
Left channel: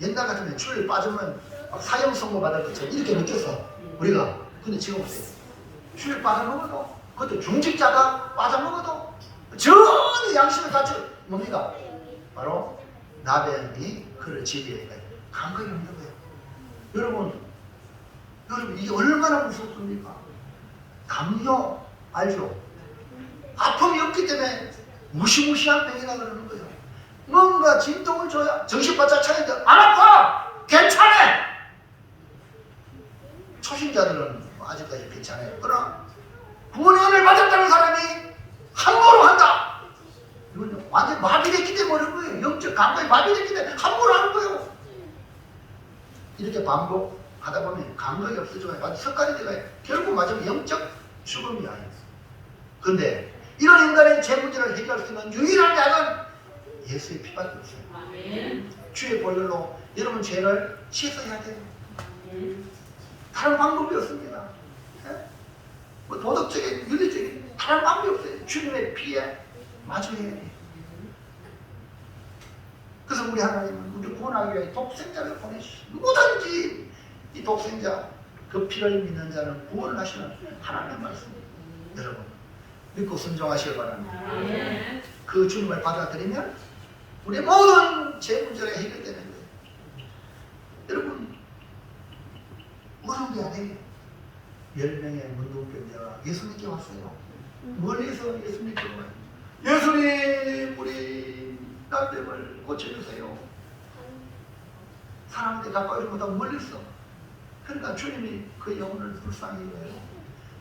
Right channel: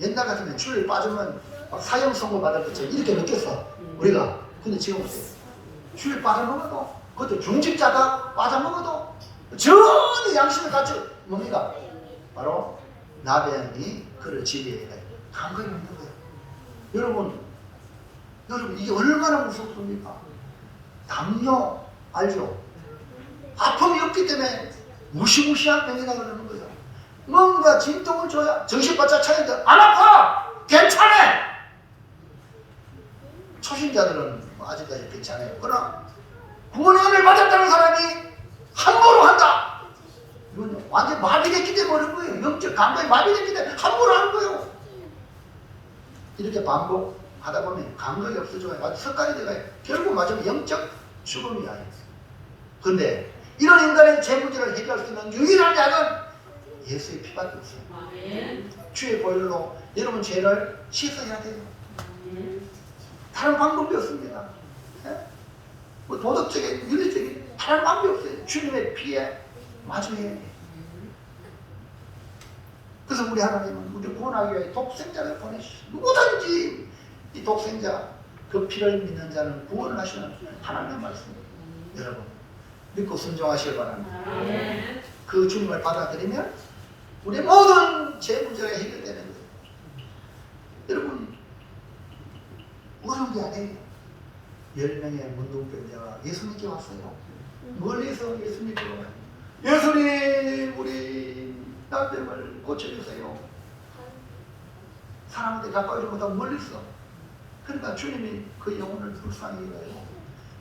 옛날 같으면 주일 빠지면 막 사형 선고 받을 것처럼 이렇게 느꼈어 우리가. 근데 지금 어때요? 주일 빠져먹어도, 그것도 중직자가 빠져먹어도 전혀 양심을 갖춰 뭡니까? 바로 나병이 그를 지배해 감각이 없는 거예요. 여러분 이게 얼마나 무섭습니까? 담요 알죠? 아픔이 없기 때문에 무시무시한 병이라 그러는 거죠. 뭔가 진통을 줘야 정신바짝 차리는데 안 아파! 괜찮아! 초신자들은 아직까지 괜찮아요. 그러나 구원의 은혜를 받았다는 사람이 함부로 한다! 이건 완전 마비됐기 때문에 그런 거예요. 영적 감각이 마비됐기 때문에 함부로 하는 거예요. 이렇게 반복하다 보면 감각이 없어져요. 아주 석가리 돼가요. 결국 맞으면 영적 죽음이 아니에요. 그런데 이런 인간의 죄 문제를 해결할 수 있는 유일한 약은 예수의 피밖에 없어요. 주의 보혈로 여러분 죄를 씻어야 돼요. 다른 방법이 없습니다. 뭐 도덕적인, 윤리적인 다른 방법이 없어요. 주님의 피에 맞춰야 돼요. 그래서 우리 하나님은 우리 구원하기 위해 독생자를 보내주시고 누구든지 이 독생자 그 피를 믿는 자는 구원을 하시는 하나님의 말씀입니다. 여러분 믿고 순종하시길 바랍니다. 그 주님을 받아들이면 우리 모든 죄 문제가 해결되는 거예요. 여러분 어려운 게 아니에요. 10명의 문둥병자가 예수님께 왔어요. 멀리서 예수님께 와요. 예수님 우리 나병을 고쳐주세요. 사람한테 가까워지 못하고 멀리서. 그러니까 주님이 그 영혼을 불쌍히 여겨요.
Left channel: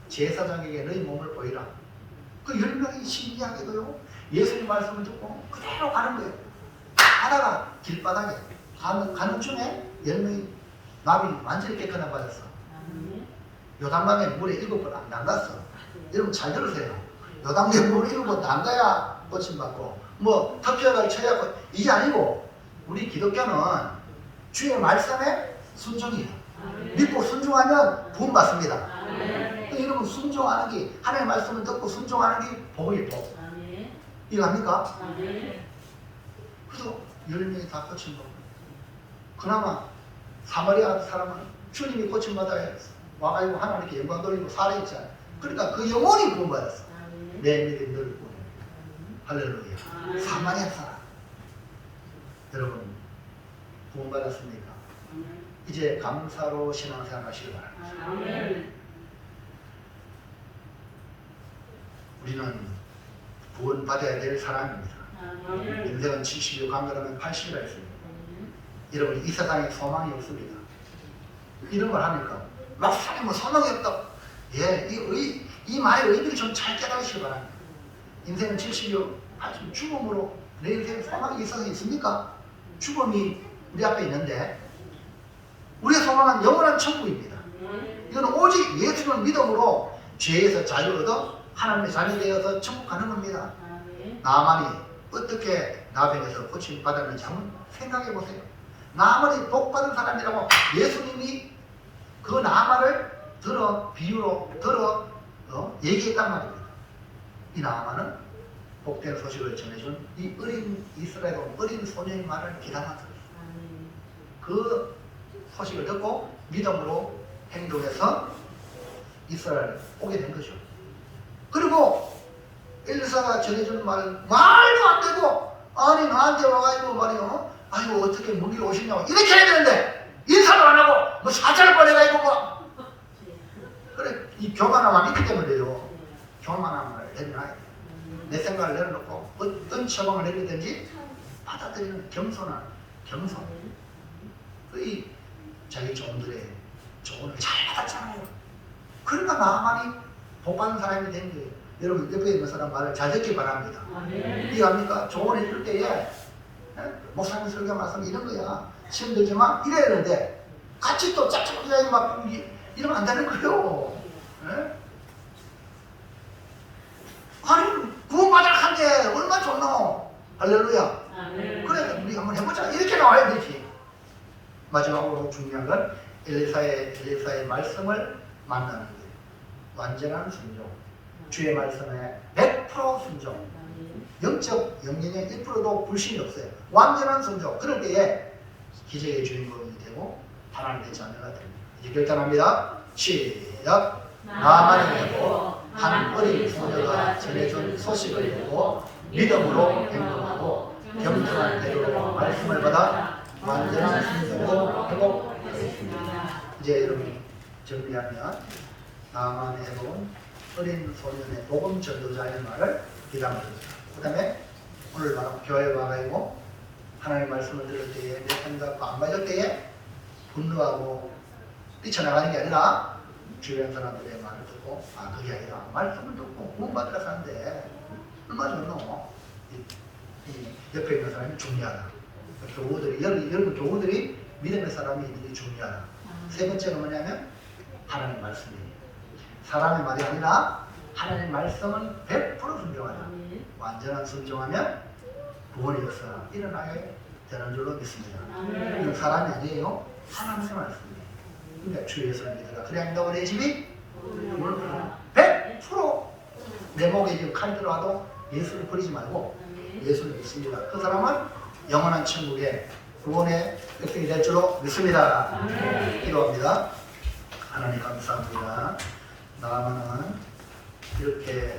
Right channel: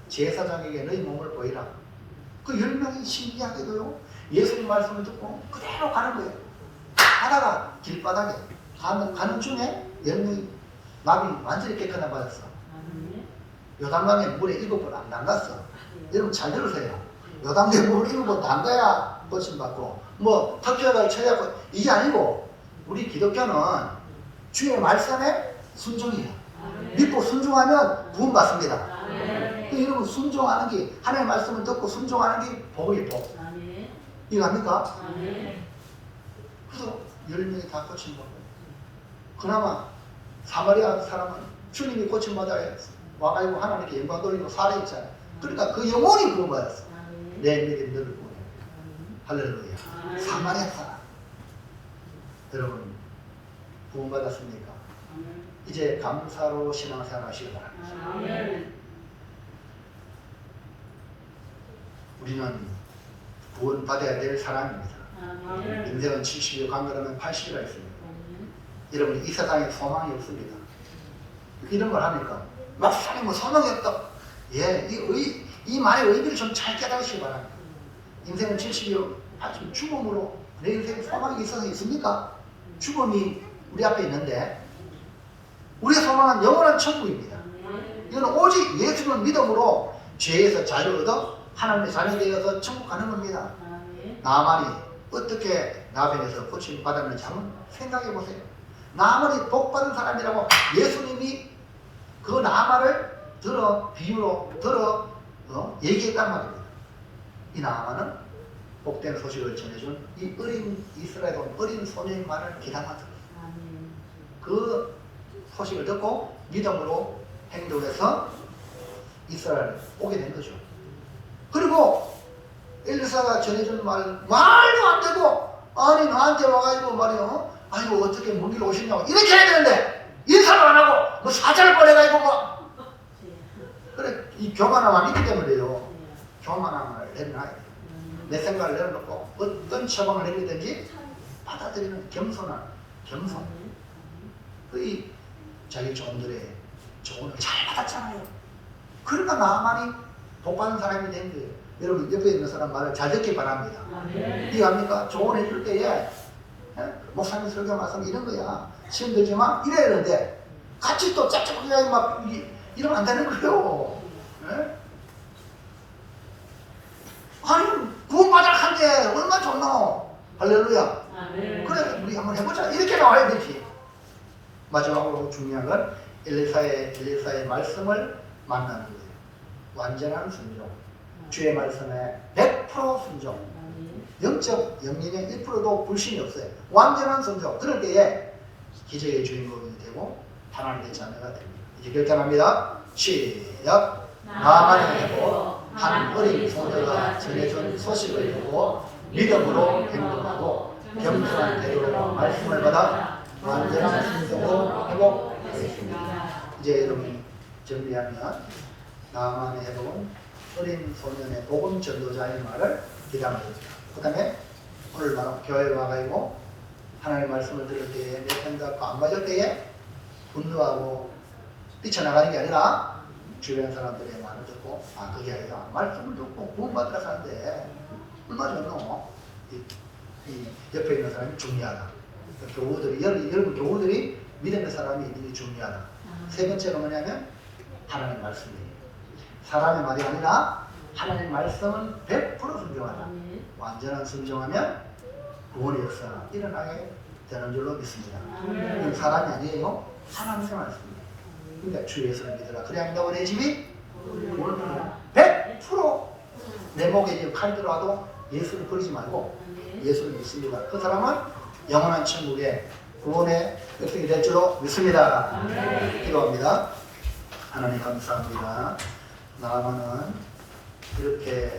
제사장에게 너희 몸을 보이라. 그 10명이 신기하게도요 예수님 말씀을 듣고 그대로 가는 거예요. 가다가 길바닥에 가는 중에 10명이 나비 완전히 깨끗한 받았어. 요단강에 물에 7번 안 담갔어. 여러분 잘 들으세요. 요단강에 물에 7번 담가야 고침받고 뭐 터키가 쳐야고 이게 아니고 우리 기독교는 주의 말씀에 순종이에요. 믿고 순종하면 부음 받습니다. 여러분 순종하는 게 하나님의 말씀을 듣고 순종하는 게 복이에요. 복. 이거 압니까? 그래서 10명이 다 고침받고 그나마 사마리아 사람은 주님이 고침받아야 와가지고 하나님께 영광 돌리고 살아있잖아요. 그러니까 그 영혼이 구원받았어. 내 믿음 너를 구원해. 할렐루야. 사마리아 사람. 여러분 구원받았습니까? 이제 감사로 신앙생활 하시기 바랍니다. 우리는 구원받아야 될 사람입니다. 인생은 70여 강가라면 80이라 했습니다. 여러분 이 세상에 소망이 없습니다. 이런 걸 합니까? 막상에 뭐 소망이 없다. 예, 이 말의 의미를 좀 잘 깨달으시기 바랍니다. 인생은 70여, 80 죽음으로 내 인생에 소망이 있어서 있습니까? 죽음이 우리 앞에 있는데 우리의 소망은 영원한 천국입니다. 이건 오직 예수를 믿음으로 죄에서 자유 얻어 하나님의 자녀 되어서 천국 가는 겁니다. 나만이 어떻게 나병에서 고침 받았는지 한번 생각해 보세요. 나만이 복받은 사람이라고 예수님이 그 나만을 비유로 얘기했단 말입니다. 이 나만은 복된 소식을 전해준 이 어린 이스라엘 어린 소녀의 말을 기다렸어요. 그 소식을 듣고 믿음으로 행동해서 이스라엘에 오게 된 거죠. 그리고 엘리사가 전해준 말은 말도 안 되고 아니 나한테 와가지고 말이요 아이고 어떻게 먼 길 오시냐고 이렇게 해야 되는데 인사를 안 하고 뭐 사자를 보내가지고 뭐 그래 이 교만함을 믿기 때문에요. 교만함을 내려놔야 돼요. 내 생각을 내려놓고 어떤 처방을 내리든지 받아들이는 겸손한 겸손. 그 자기 종들의 조언을 잘 받았잖아요. 그러니까 나만이 복받는 사람이 된 거예요. 여러분 옆에 있는 사람 말을 잘 듣기 바랍니다. 이해합니까? 조언해 줄 때에 목사님 설교 말씀 이런 거야. 힘들지만 이래야 되는데 같이 또 짝짝하게 막 이러면 안 되는 거예요. 예? 아니 구원받으라 한데 얼마나 좋노. 할렐루야. 그래 우리 한번 해보자. 이렇게 나와야 되지. 마지막으로 중요한 건 엘리사의 말씀을 만나는 거예요. 완전한 순종. 주의 말씀에 100% 순종. 영적 영린의 1%도 불신이 없어요. 완전한 순종. 그럴 때에 기적의 주인공이 되고 하나님의 자녀가 됩니다. 이제 결단합니다. 시작. 나만의 해보 한 어린 소녀가 전해준 소식을 듣고 믿음으로 행동하고 겸손한 태도로 말씀을 받아 완전한 순종으로 회복하겠습니다. 이제 여러분 정리하면 나만의 해본 어린 소년의 복음 전도자의 말을 기담합니다. 그 다음에 오늘 바로 교회에 와가지고 하나님의 말씀을 들을 때에 내 생각과 안 맞을 때에 분노하고 뛰쳐나가는 게 아니라 주변 사람들의 말을 듣고 그게 아니라 말씀을 듣고 구원받으라 하는데 얼마나 좋노. 이 옆에 있는 사람이 중요하다. 교우들이 여러분 교우들이 믿음의 사람이 있는 게 중요하다. 세 번째가 뭐냐면 하나님의 말씀이에요. 사람의 말이 아니라 하나님의 말씀은 100% 순종하다. 완전한 순종하면 구원의 역사가 일어나게 되는 줄로 믿습니다. 이건 사람이 아니에요. 하나님의 말씀이에요. 그러니까 주 예수를 믿으라. 그래야 너내 집이 구원을 받으라. 100% 내 목에 지금 칼 들어와도 예수를 버리지 말고 예수를 믿습니다. 그 사람은 영원한 천국의 구원의 획득이 될 줄로 믿습니다. 기도합니다. 하나님 감사합니다. 나만은 이렇게